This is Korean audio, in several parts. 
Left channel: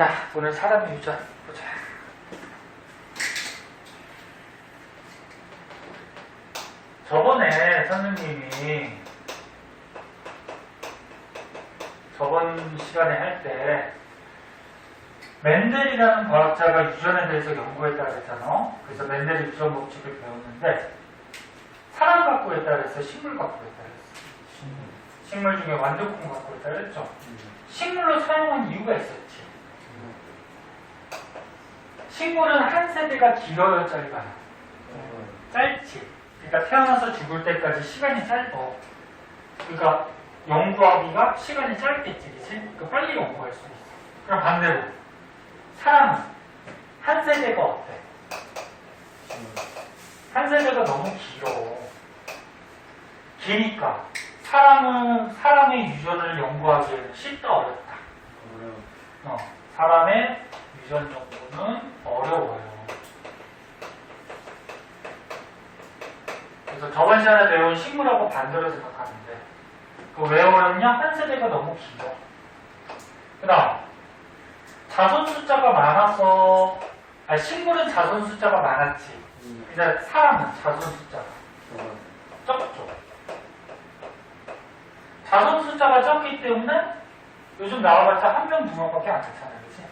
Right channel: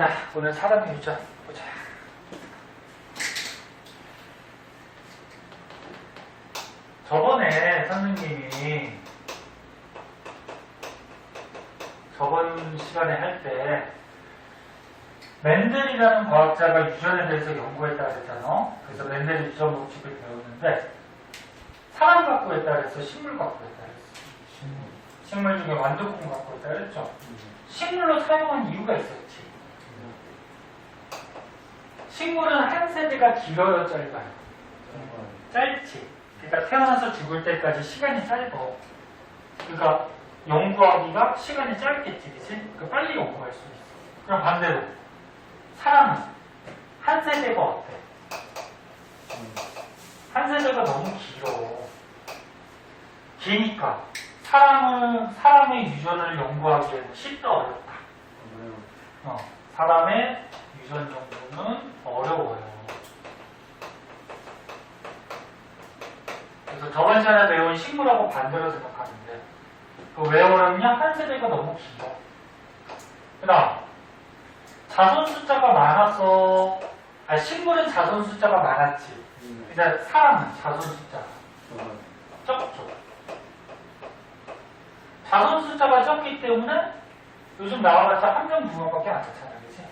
자, 오늘 사람의 유전 보자. 저번에 선생님이 저번 시간에 할 때 멘델이라는 과학자가 유전에 대해서 연구했다 그랬잖아. 그래서 멘델의 유전 법칙을 배웠는데 사람 갖고 했다 그랬어? 식물 갖고 했다 그랬어? 식물 중에 완두콩 갖고 했다 그랬죠? 식물로 사용한 이유가 있었지. 식물은 한 세대가 길어요, 짧아요? 짧지. 그러니까 태어나서 죽을 때까지 시간이 짧아. 그러니까 연구하기가 시간이 짧겠지, 그치? 그러니까 빨리 연구할 수 있어. 그럼 반대로 사람은 한 세대가 어때? 한 세대가 너무 길어. 기니까 사람의 유전을 연구하기에는 쉽다, 어렵다? 사람의 유전 연구는 어려워요. 그래서 저번 시간에 배운 식물하고 반대로 생각하는데 왜 어렵냐? 한 세대가 너무 길어. 그 다음 자손 숫자가 많아서 식물은 자손 숫자가 많았지. 이제 사람은 자손 숫자가 적죠. 자손 숫자가 적기 때문에 요즘 나와봤자 한 명, 두 명밖에 안 되잖아요. 그치?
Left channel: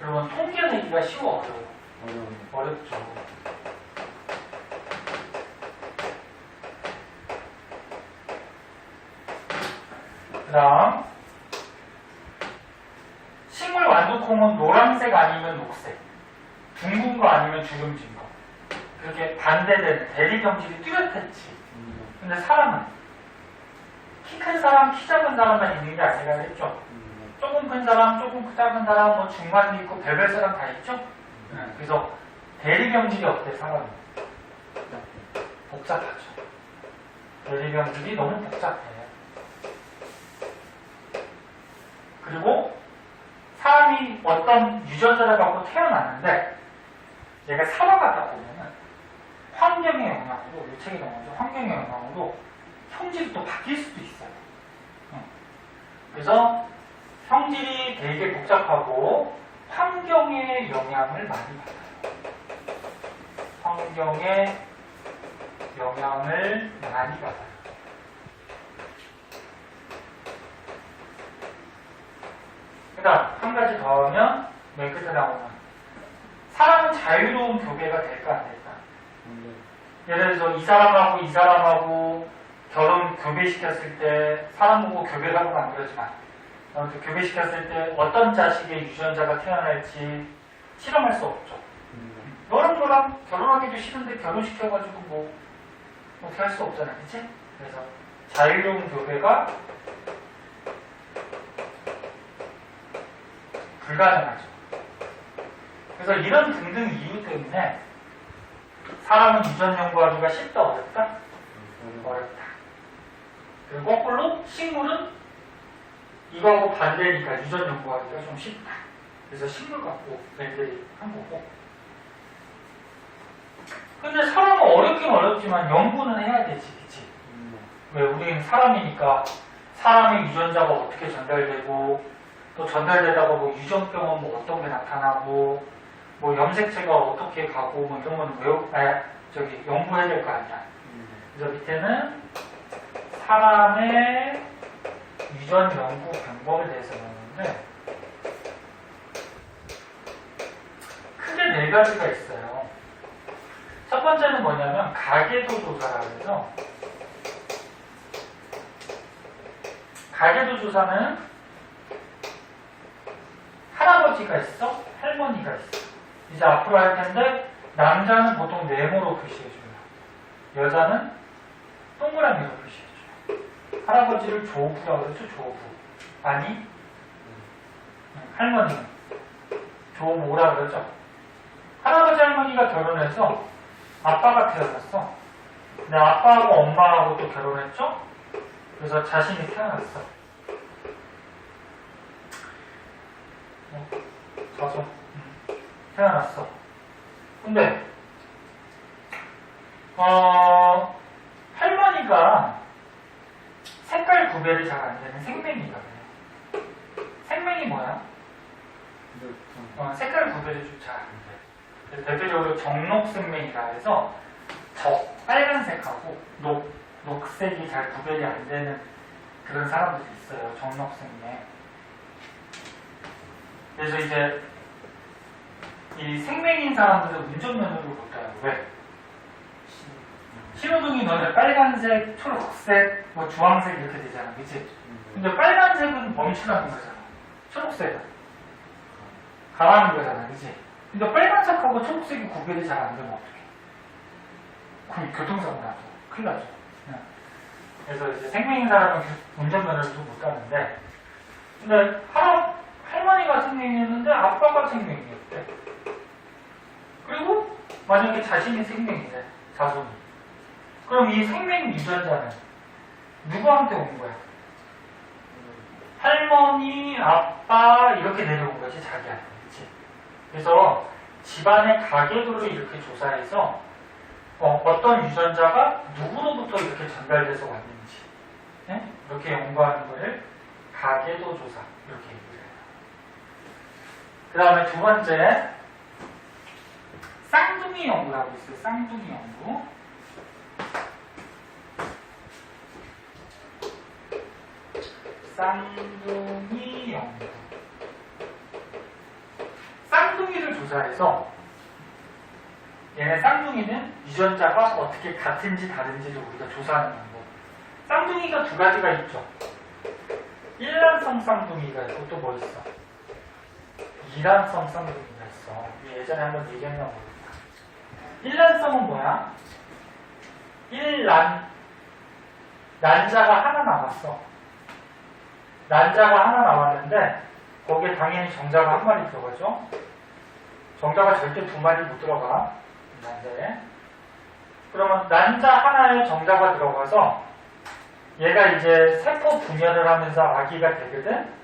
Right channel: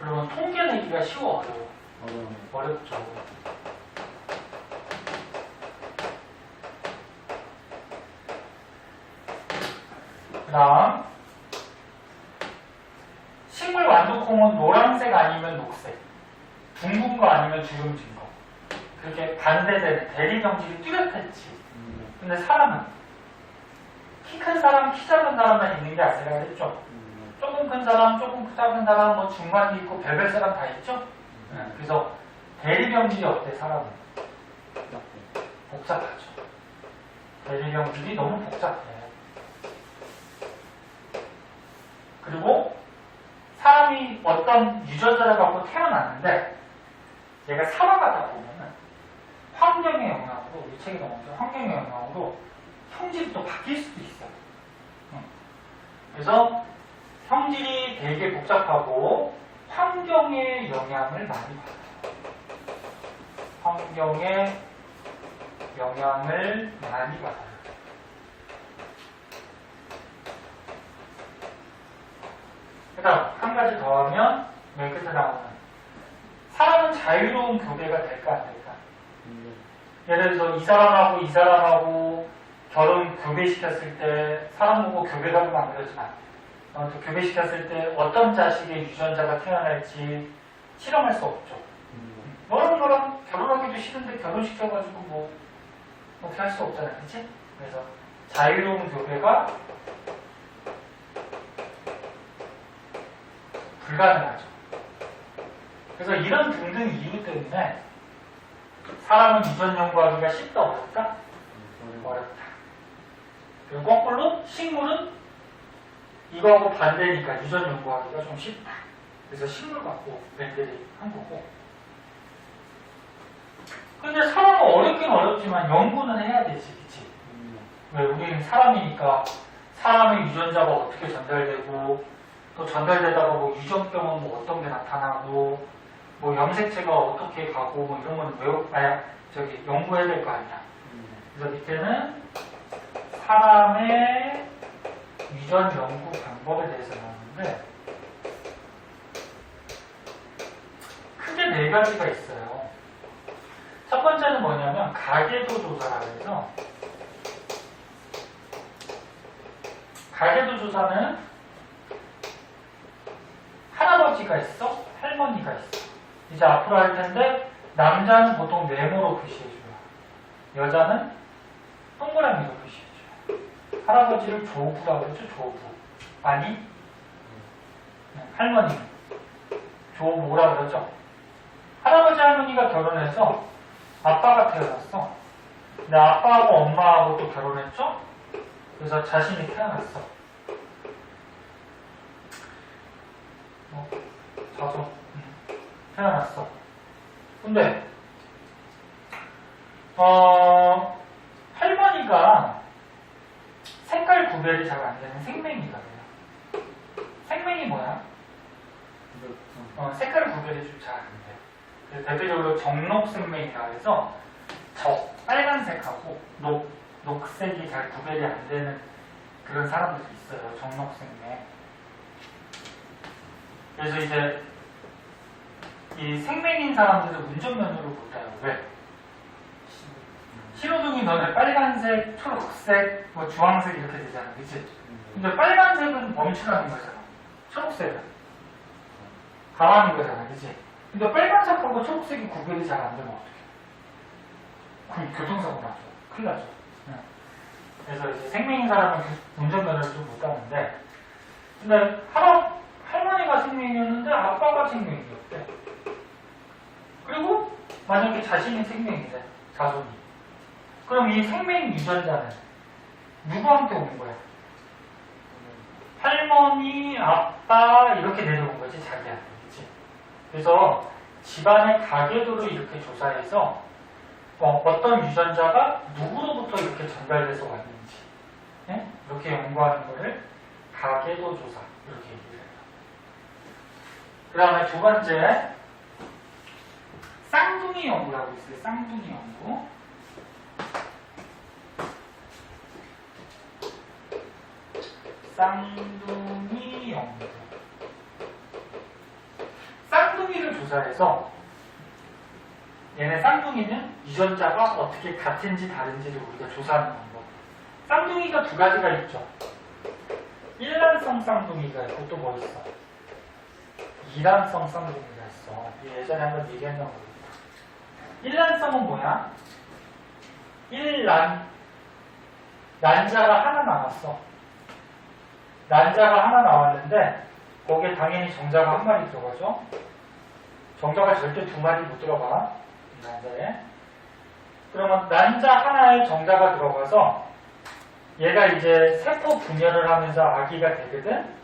그러면 통계 내기가 쉬워, 어려워? 어렵죠. 그 다음 식물 완두콩은 노란색 아니면 녹색, 둥근 거 아니면 주름진 거. 그렇게 반대되는 대리경직이 뚜렷했지. 근데 사람은 키 큰 사람, 키 작은 사람만 있는 게 아니라 그랬죠. 조금 큰 사람, 조금 작은 사람, 뭐 중간도 있고 별별 사람 다 있죠. 그래서 대리경직이 어때, 사람은? 복잡하죠. 대리경직이 너무 복잡해. 그리고 사람이 어떤 유전자를 갖고 태어났는데 얘가 살아가다 보면은 환경의 영향으로, 이 책에 나오죠. 환경의 영향으로 성질이 또 바뀔 수도 있어요. 그래서 성질이 되게 복잡하고 환경의 영향을 많이 받아요. 환경의 영향을 많이 받아요. 그 다음 한 가지 더 하면 맨 끝에 나오는 사람은 자유로운 교배가 될까 안 될까? 예를 들어서 이 사람하고 결혼 교배시켰을 때 사람 보고 교배라고 만들어지면 안 돼. 교배시켰을 때 어떤 자식의 유전자가 태어날지 실험할 수 없죠. 너랑 결혼하기도 싫은데 결혼시켜가지고 뭐 어떻게 할 수 없잖아요. 그치? 그래서 자유로운 교배가 불가능하죠. 그래서 이런 등등 이유 때문에 사람은 유전 연구하기가 쉽다, 어렵다? 어렵다. 그리고 거꾸로 식물은 이거하고 반대니까 유전 연구하기가 좀 쉽다. 그래서 식물 갖고 멘델이 한 거고. 근데 사람은 어렵긴 어렵지만 연구는 해야 되지, 그치? 왜 우리는 사람이니까 사람의 유전자가 어떻게 전달되고 또 전달되다가 뭐 유전병은 뭐 어떤 게 나타나고 뭐 염색체가 어떻게 가고 뭐 이런 건 연구해야 될 거 아니야. 그래서 밑에는 사람의 유전 연구 방법에 대해서 나오는데 크게 네 가지가 있어요. 첫 번째는 뭐냐면 가계도 조사라고 해서 가계도 조사는 할아버지가 있어, 할머니가 있어. 이제 앞으로 할 텐데 남자는 보통 네모로 표시해줘요. 여자는 동그라미로 표시해줘요. 할아버지를 조부라고 그러죠, 조부. 아니, 할머니는 조모라 그러죠. 할아버지 할머니가 결혼해서 아빠가 태어났어. 근데 아빠하고 엄마하고 또 결혼했죠. 그래서 자신이 태어났어. 자손 태어났어. 근데 할머니가 색깔 구별이 잘 안 되는 생맹이가 돼요. 생맹이 뭐야? 색깔을 구별해주기 잘 안 돼. 그래서 대표적으로 정록생명이라 해서 빨간색하고 녹색이 잘 구별이 안 되는 그런 사람들이 있어요. 정록생명. 그래서 이제 이 생명인 사람들은 운전면허를 못 따요. 왜? 신호등이 너네 빨간색, 초록색, 뭐 주황색 이렇게 되잖아, 그치? 근데 빨간색은 멈추라는 거잖아. 초록색은 가라는 거잖아, 그치? 근데 빨간색하고 초록색이 구별이 잘 안 되면 어떡해? 그럼 교통사고 나죠. 큰일 나죠. 네. 그래서 이제 생명인 사람은 운전면허를 좀 못 따는데, 근데 할머니가 생명이었는데 아빠가 생명이었대. 그리고 만약에 자신이 생명이래, 자손이. 그럼 이 생명 유전자는 누구한테 온 거야? 할머니, 아빠 이렇게 내려온 거지, 자기한테. 그치? 그래서 집안의 가계도를 이렇게 조사해서 어떤 유전자가 누구로부터 이렇게 전달돼서 왔는지, 네? 이렇게 연구하는 거를 가계도 조사 이렇게 얘기를 해요. 그 다음에 두 번째, 쌍둥이 연구라고 있어요. 쌍둥이 연구. 쌍둥이 연구. 쌍둥이를 조사해서 얘네 쌍둥이는 유전자가 어떻게 같은지 다른지를 우리가 조사하는 방법. 쌍둥이가 두 가지가 있죠. 일란성 쌍둥이가 있고 또 뭐 있어? 이란성 쌍둥이가 있어. 예전에 한번 얘기했나 모르겠다. 일란성은 뭐야? 난자가 하나 남았어. 난자가 하나 남았는데 거기에 당연히 정자가 한 마리 들어가죠. 정자가 절대 두 마리 못 들어가. 난자에. 그러면 난자 하나에 정자가 들어가서 얘가 이제 세포 분열을 하면서 아기가 되거든.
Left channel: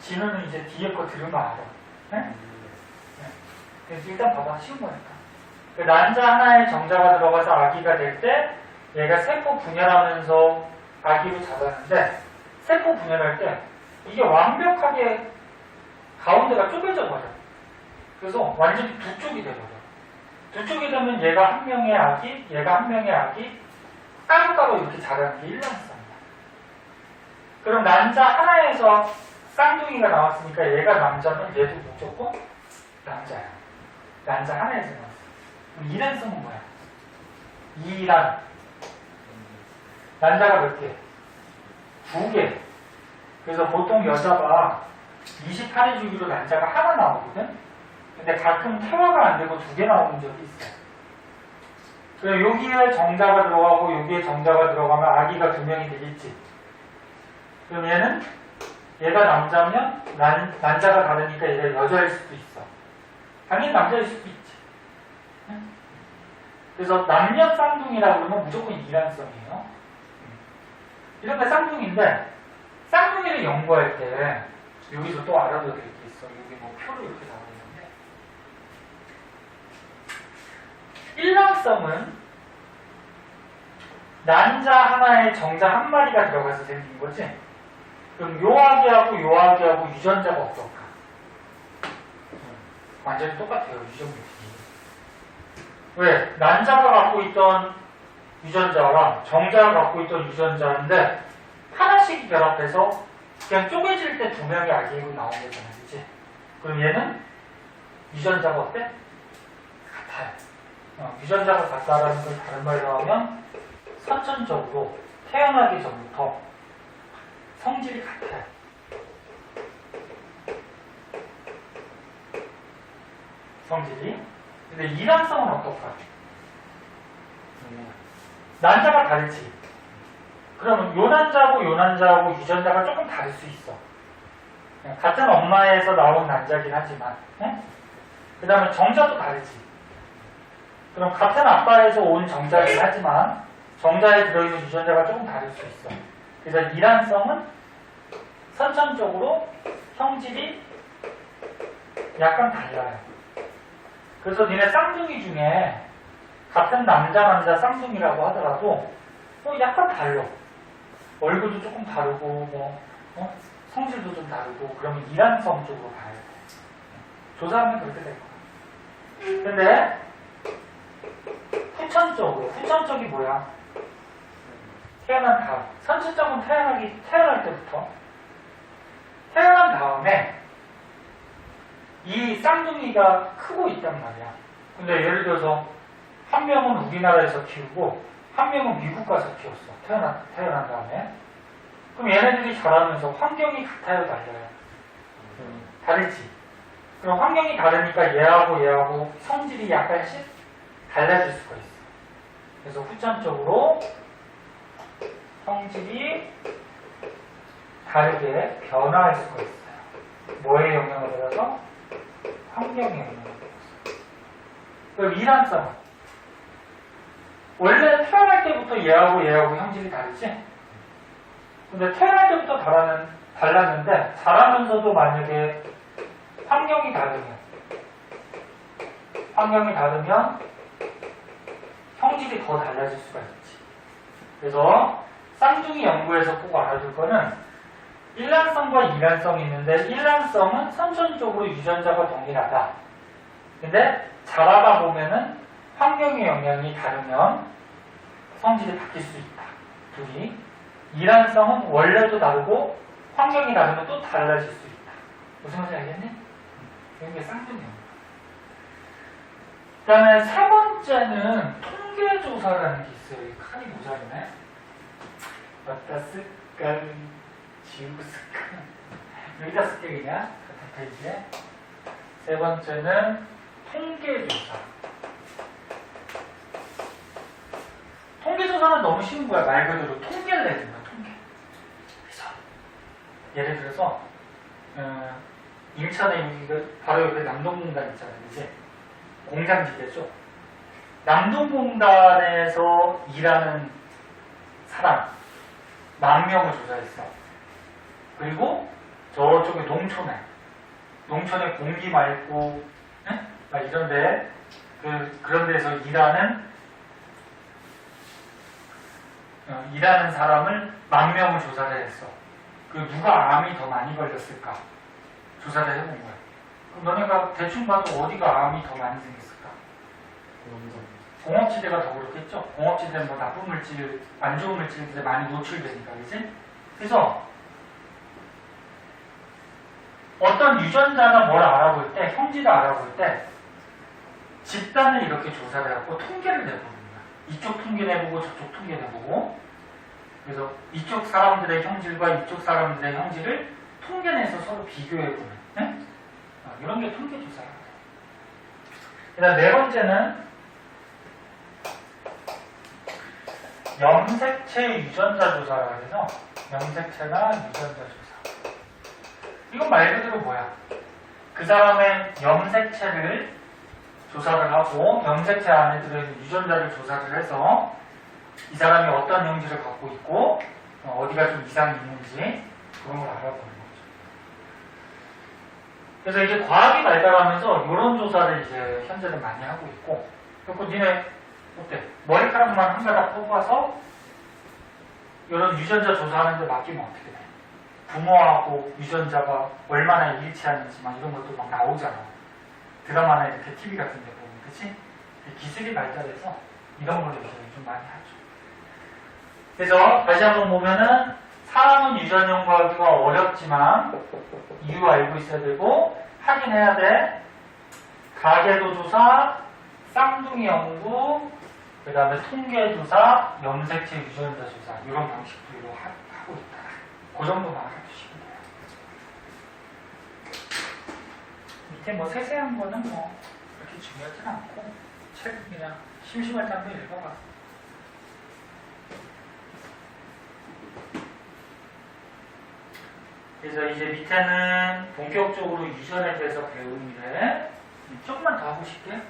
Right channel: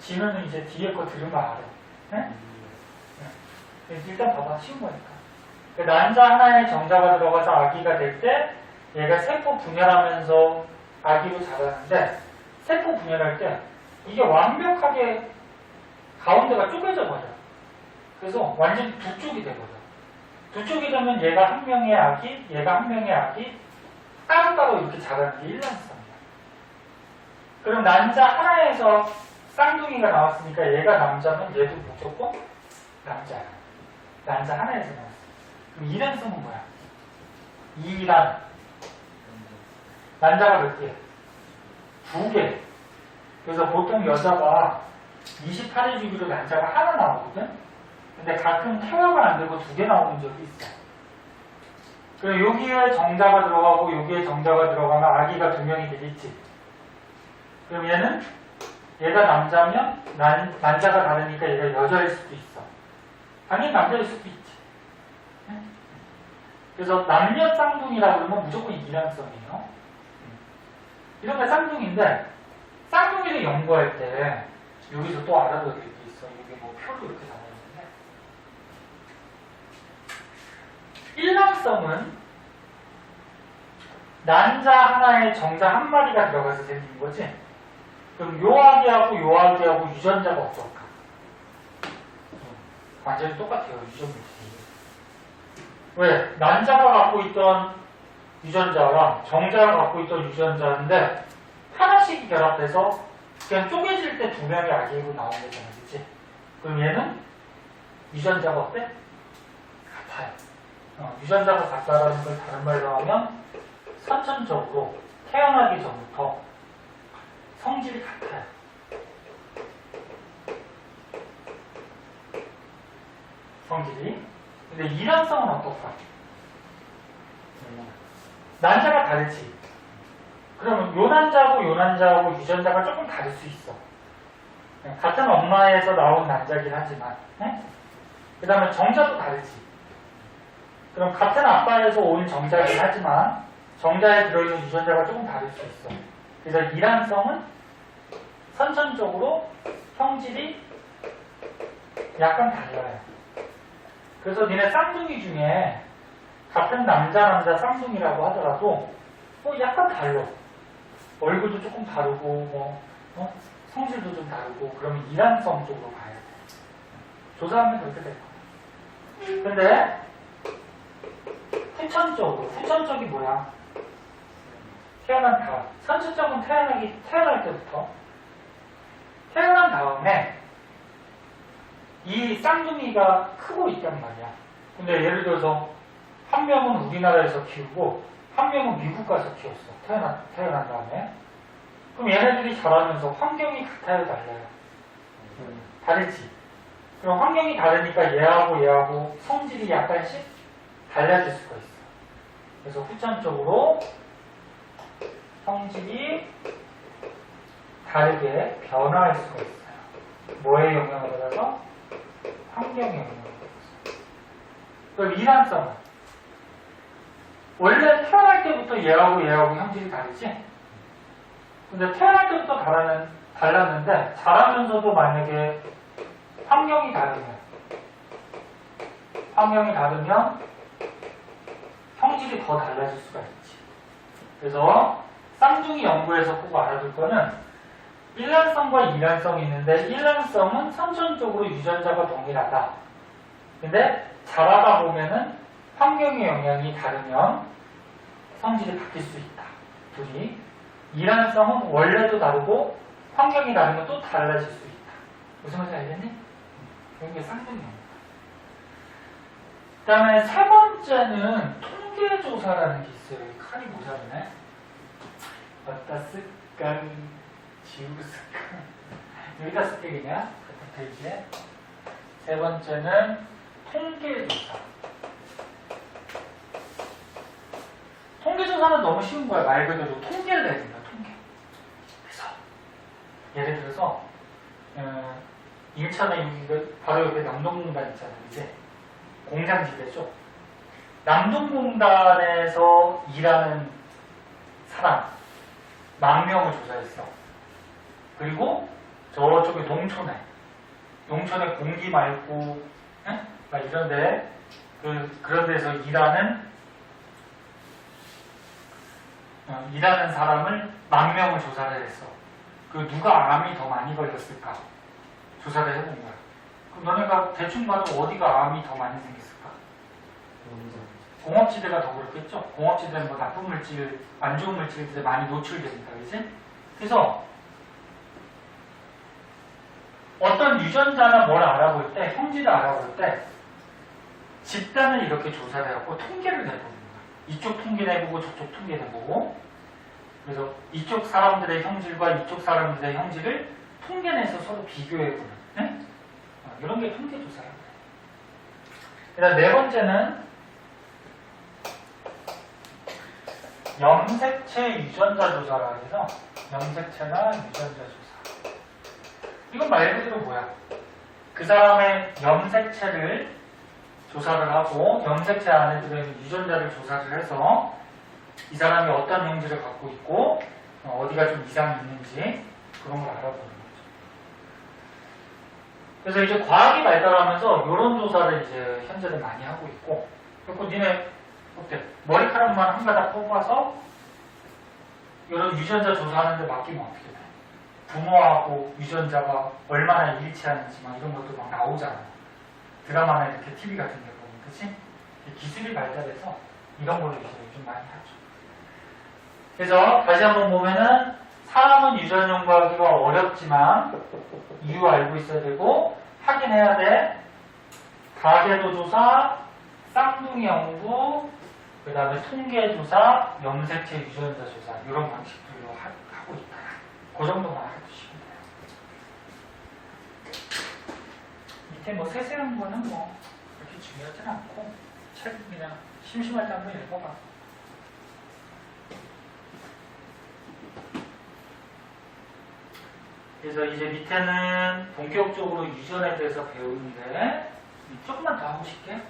진우는 이제 뒤에 거 들으면 알아. 네? 네. 일단 봐봐. 쉬운 거니까. 난자 하나에 정자가 들어가서 아기가 될 때 얘가 세포 분열하면서 아기로 자랐는데 세포 분열할 때 이게 완벽하게 가운데가 쪼개져 버려. 그래서 완전히 두 쪽이 돼버려. 두 쪽이 되면 얘가 한 명의 아기, 얘가 한 명의 아기 따로따로 이렇게 자라는 게 일란성이야. 그럼 난자 하나에서 쌍둥이가 나왔으니까 얘가 남자면 얘도 무조건 남자야. 난자 하나에서 나왔어. 그럼 이란성은 뭐야? 이란. 난자가 몇 개? 2개. 그래서 보통 여자가 28일 주기로 난자가 하나 나오거든? 근데 가끔 태화가 안 되고 2개 나오는 적이 있어. 그리고 여기에 정자가 들어가고 여기에 정자가 들어가면 아기가 2명이 되겠지. 그럼 얘가 남자면 난자가 다르니까 얘가 여자일 수도 있어. 당연히 남자일 수도 있지. 그래서 남녀 쌍둥이라고 그러면 무조건 이란성이에요. 이런데 쌍둥이인데 쌍둥이를 연구할 때 여기서 또 알아둬야 될 게 있어. 여기 뭐 표로 이렇게 나와 있는데 일란성은 난자 하나에 정자 한 마리가 들어가서 생긴 거지. 그럼 요 아기하고 요 아기하고 유전자가 어떨까? 완전히 똑같아요. 유전력이. 왜? 난자가 갖고 있던 유전자랑 정자가 갖고 있던 유전자인데 하나씩 결합해서 그냥 쪼개질 때 2명의 아기로 나온 거잖아. 그치? 그럼 얘는 유전자가 어때? 같아요. 유전자가 같다라는 걸 다른 말로 하면 선천적으로 태어나기 전부터 성질이 같아요. 성질이. 근데 이란성은 어떨까? 난자가 다르지. 그러면 요 난자하고 요 난자하고 유전자가 조금 다를 수 있어. 같은 엄마에서 나온 난자긴 하지만, 그 다음에 정자도 다르지. 그럼 같은 아빠에서 온 정자긴 하지만 정자에 들어있는 유전자가 조금 다를 수 있어. 그래서 이란성은 선천적으로 성질이 약간 달라요. 그래서 니네 쌍둥이 중에 같은 남자 쌍둥이라고 하더라도 약간 달라. 얼굴도 조금 다르고 성질도 좀 다르고 그러면 이란성 쪽으로 가야 돼. 조사하면 그렇게 될 거야. 근데 후천적이 뭐야? 태어난 다음. 선천적은 태어날 때부터. 태어난 다음에 이 쌍둥이가 크고 있단 말이야. 근데 예를 들어서 한 명은 우리나라에서 키우고 한 명은 미국 가서 키웠어. 태어난 다음에. 그럼 얘네들이 자라면서 환경이 같아요, 달라요? 다르지. 그럼 환경이 다르니까 얘하고 성질이 약간씩 달라질 수가 있어. 그래서 후천적으로 성질이 다르게 변화할 수가 있어요. 뭐에 영향을 받아서? 환경에 영향을 받아서. 그럼 이란성은 원래 태어날 때부터 얘하고 형질이 다르지? 근데 태어날 때부터 달랐는데 자라면서도 만약에 환경이 다르면 형질이 더 달라질 수가 있지. 그래서 쌍둥이 연구에서 꼭 알아둘 거는 일란성과 이란성이 있는데 일란성은 선천적으로 유전자가 동일하다. 근데 자라다 보면은 환경의 영향이 다르면 성질이 바뀔 수 있다. 둘이. 이란성은 원래도 다르고 환경이 다르면 또 달라질 수 있다. 무슨 말인지 알겠니? 이게 쌍둥이 연구. 그 다음에 세 번째는 통계조사라는 게 있어요. 이 칸이 모자르네. 왔다 쓸까 지우고 쓸까. 여기다 쓸게 그냥 같은 페이지에. 세 번째는 통계조사. 통계조사는 너무 쉬운 거야. 말 그대로 통계를 내는 거야. 통계. 그래서 예를 들어서 인천에 바로 옆에 남동공단 있잖아요. 이제 공장지대죠. 남동공단에서 일하는 사람 10,000명을 조사했어. 그리고 저쪽에 농촌에 공기 맑고 막 이런데 그런 데서 일하는 사람을 10,000명을 조사를 했어. 누가 암이 더 많이 걸렸을까? 조사를 해본 거야. 그럼 너네가 대충 봐도 어디가 암이 더 많이 생겼을까? 공업지대가 더 그렇겠죠? 공업지대는 뭐 나쁜 물질, 안 좋은 물질들이 많이 노출되니까, 그지? 그래서 어떤 유전자나 뭘 알아볼 때, 형질을 알아볼 때 집단을 이렇게 조사를 해갖고 통계를 내보는 거야. 이쪽 통계 내보고 저쪽 통계 내보고. 그래서 이쪽 사람들의 형질과 이쪽 사람들의 형질을 통계 내서 서로 비교해보는, 네? 이런 게 통계조사예요. 그 다음 네 번째는 염색체 유전자 조사라 해서 염색체나 유전자 조사. 이건 말 그대로 뭐야? 그 사람의 염색체를 조사를 하고 염색체 안에 들어있는 유전자를 조사를 해서 이 사람이 어떤 형질을 갖고 있고 어디가 좀 이상이 있는지 그런 걸 알아보는 거죠. 그래서 이제 과학이 발달하면서 이런 조사를 이제 현재는 많이 하고 있고, 그리고 니네 어때? 머리카락만 한 가닥 뽑아서 이런 유전자 조사하는데 맡기면 어떻게 돼? 부모하고 유전자가 얼마나 일치하는지 막 이런 것도 막 나오잖아. 드라마나 이렇게 TV 같은 데 보면, 그치? 기술이 발달해서 이런 걸로 이제 요즘 많이 하죠. 그래서 다시 한번 보면은 사람은 유전 연구하기가 어렵지만 이유 알고 있어야 되고 확인해야 돼. 가계도 조사, 쌍둥이 연구, 그 다음에 통계 조사, 염색체 유전자 조사 이런 방식들로 하고 있다. 그 정도만 알아두시면 돼요. 밑에 뭐 세세한 거는 뭐 그렇게 중요하진 않고 책 그냥 심심할 때 한번 읽어봐. 그래서 이제 밑에는 본격적으로 유전에 대해서 배우는데 조금만 더 하고 싶게.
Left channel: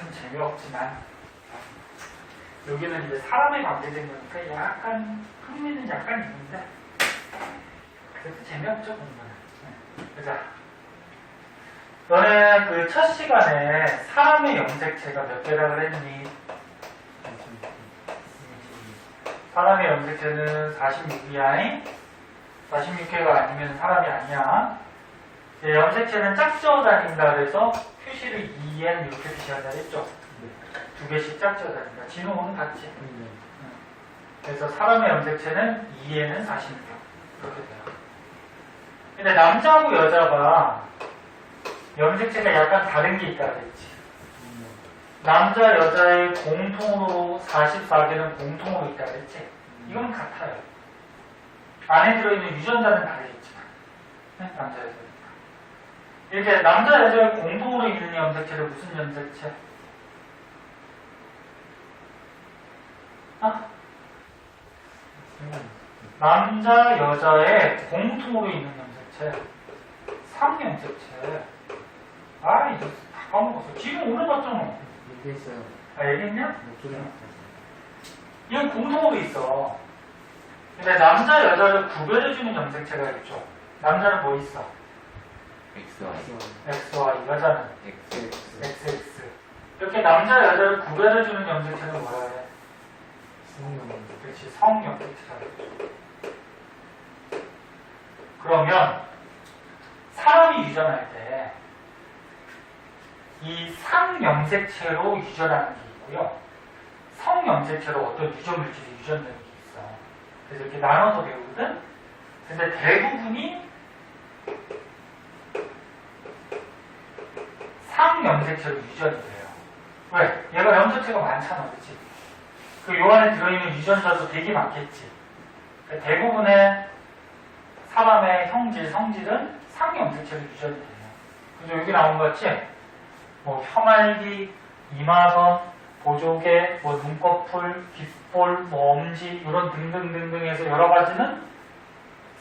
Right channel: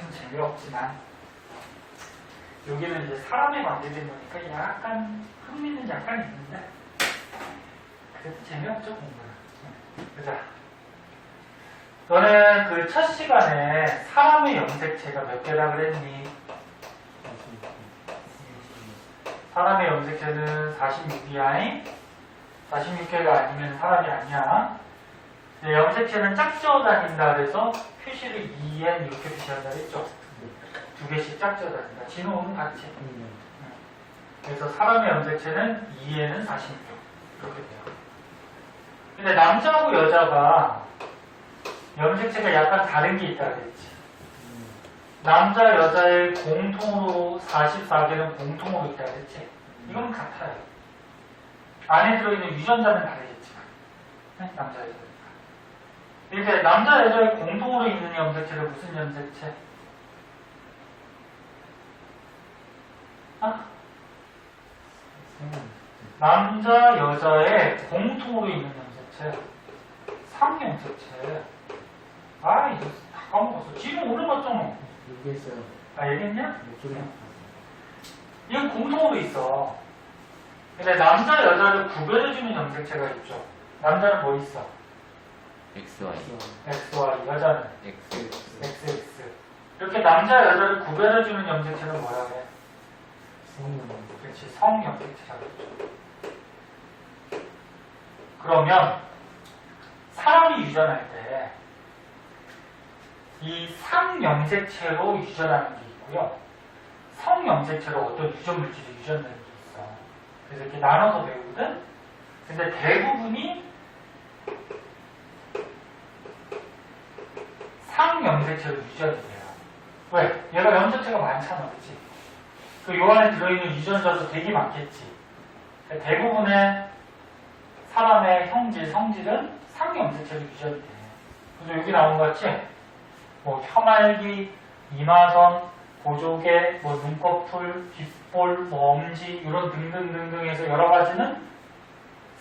참 재미없지만 여기는 이제 사람에 관계된 거니까 약간 흥미는 약간 있는데 그래도 재미없죠 공부는. 보자. 너는 그 첫 시간에 사람의 염색체가 몇 개라 그랬니? 사람의 염색체는 46이야. 46개가 아니면 사람이 아니야. 염색체는 짝지어 다닌다 그래서 표시를 2n 이렇게 표시한다 했죠. 두 개씩 짝지어 다닌다. 진호는 같지. 그래서 사람의 염색체는 2n은 46개. 이렇게 돼요. 근데 남자하고 여자가 염색체가 약간 다른 게 있다 그랬지. 남자, 여자의 공통으로 44개는 공통으로 있다 그랬지. 이건 같아요. 안에 들어있는 유전자는 다르겠지만. 남자, 여자니까. 이렇게 남자, 여자의 공통으로 있는 염색체는 무슨 염색체? 남자, 여자의 공통으로 있는 염색체. 3염색체. 아, 이거 다 까먹었어. 지금 올라갔잖아. 얘기했어요. 아, 얘기했냐? 목소리 이건 공통으로 있어. 근데 남자, 여자를 구별해주는 염색체가 있죠. 남자는 뭐 있어? XY. XY, 여자는 XX. XX. 이렇게 남자, 여자를 구별해주는 염색체는 뭐라 그래? 그렇지, 성염색체라고 그러죠. 그러면 사람이 유전할 때 이 상염색체로 유전하는 게 있고요. 성염색체로 어떤 유전물질이 유전되는 게 있어. 그래서 이렇게 나눠서 배우거든. 근데 대부분이 상염색체로 유전이 돼요. 왜? 얘가 염색체가 많잖아, 그치? 그 요 안에 들어있는 유전자도 되게 많겠지. 그러니까 대부분의 사람의 형질, 성질은 상염색체로 유전이 돼요. 그래서 여기 나온 것 같이 뭐 혀말기, 이마선, 보조개, 뭐 눈꺼풀, 귓볼, 뭐 엄지 이런 등등등등해서 여러 가지는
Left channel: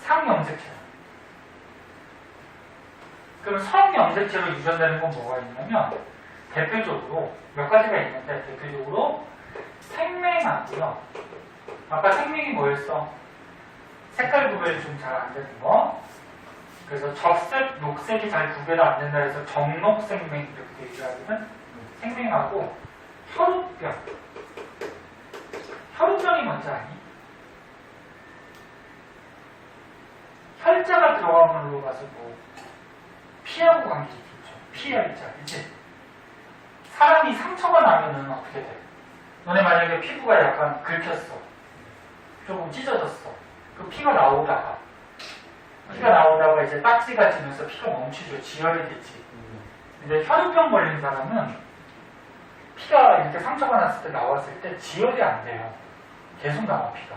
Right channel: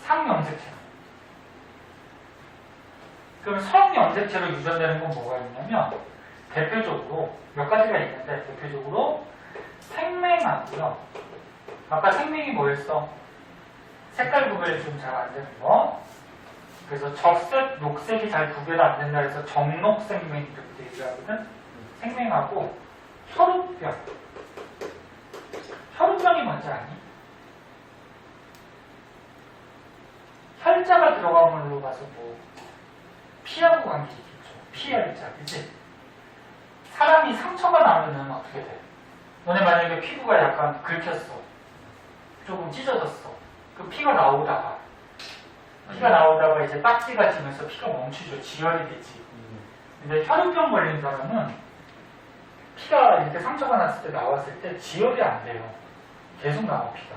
상염색체예요. 그럼 성염색체로 유전되는 건 뭐가 있냐면 대표적으로 몇 가지가 있는데 대표적으로 생맹하고요. 아까 생맹이 뭐였어? 색깔 구별이 좀 잘 안 되는 거. 그래서 적색, 녹색이 잘 구별 안 된다 해서 정록생맹 이렇게 얘기하거든. 생맹하고 혈우병. 혈우병이 뭔지 아니? 혈자가 들어간 걸로 가서 뭐 피하고 관계 있겠죠. 피혈자, 그치? 사람이 상처가 나면은 어떻게 돼? 너네 만약에 피부가 약간 긁혔어. 조금 찢어졌어. 그 피가 나오다가 이제 딱지가 지면서 피가 멈추죠. 지혈이 되지. 근데 혈우병 걸린 사람은 피가 이렇게 상처가 났을 때 나왔을 때 지혈이 안 돼요. 계속 나와 피가.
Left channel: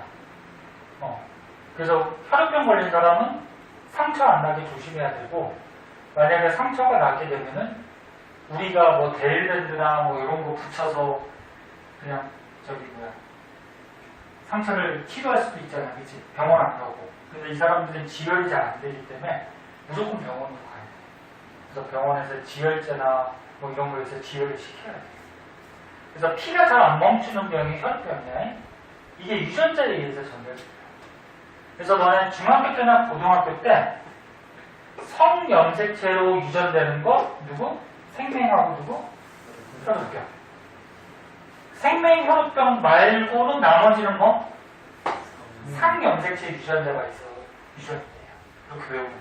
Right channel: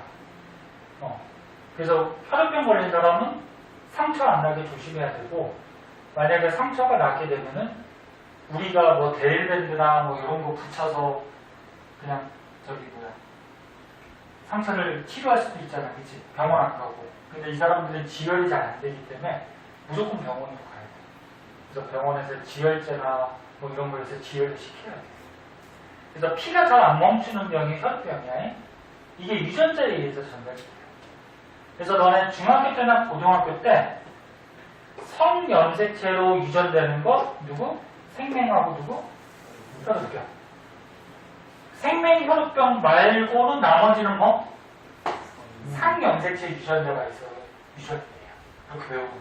그래서 혈우병 걸린 사람은 상처 안 나게 조심해야 되고 만약에 상처가 나게 되면은 우리가 뭐 데일밴드나 뭐 이런 거 붙여서 그냥 상처를 치료할 수도 있잖아, 그치? 병원 안 가고. 근데 이 사람들은 지혈이 잘 안 되기 때문에 무조건 병원으로 가야 돼. 그래서 병원에서 지혈제나 뭐 이런 거에서 지혈을 시켜야 돼. 그래서 피가 잘 안 멈추는 병이 혈병이야. 이게 유전자에 의해서 전달돼요. 그래서 너네 중학교 때나 고등학교 때 성염색체로 유전되는 거 누구? 생맹하고 누구? 혈우병. 생맹 혈우병 말고는 나머지는 뭐? 상염색체 유전자가 있어 유전이 돼요. 그렇게 배우면 돼.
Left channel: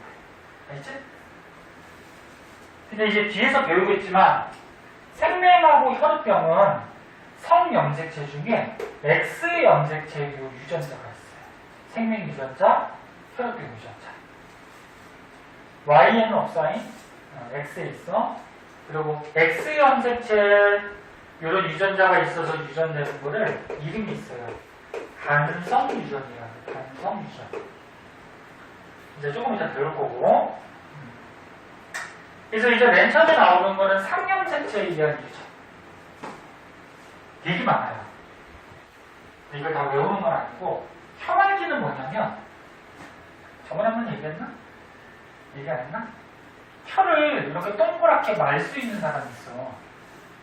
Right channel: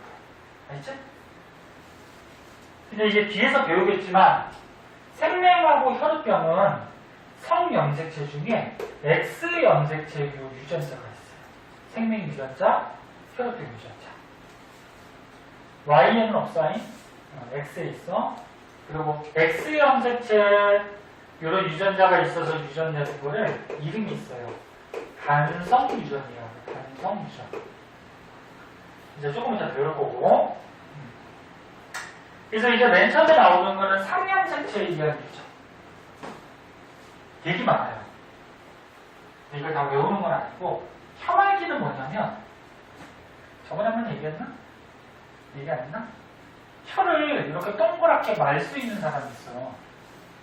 알겠지? 근데 이제 뒤에서 배우겠지만 생맹하고 혈우병은 성염색체 중에 X염색체류 유전자가 있어요. 생맹 유전자, 혈우병 유전자. Y에는 없어. X에 있어. 그리고 X염색체 이런 유전자가 있어서 유전되는 거를 이름이 있어요. 간성 유전이라고. 간성 유전. 이제 조금 이따 배울 거고. 그래서 이제 맨 처음에 나오는 거는 상염색체에 의한 유전. 되게 많아요. 이걸 다 외우는 건 아니고 혐알기는 뭐냐면 저번에 한번 얘기했나? 얘기 안 했나? 혀를 이렇게 동그랗게 말 수 있는 사람이 있어.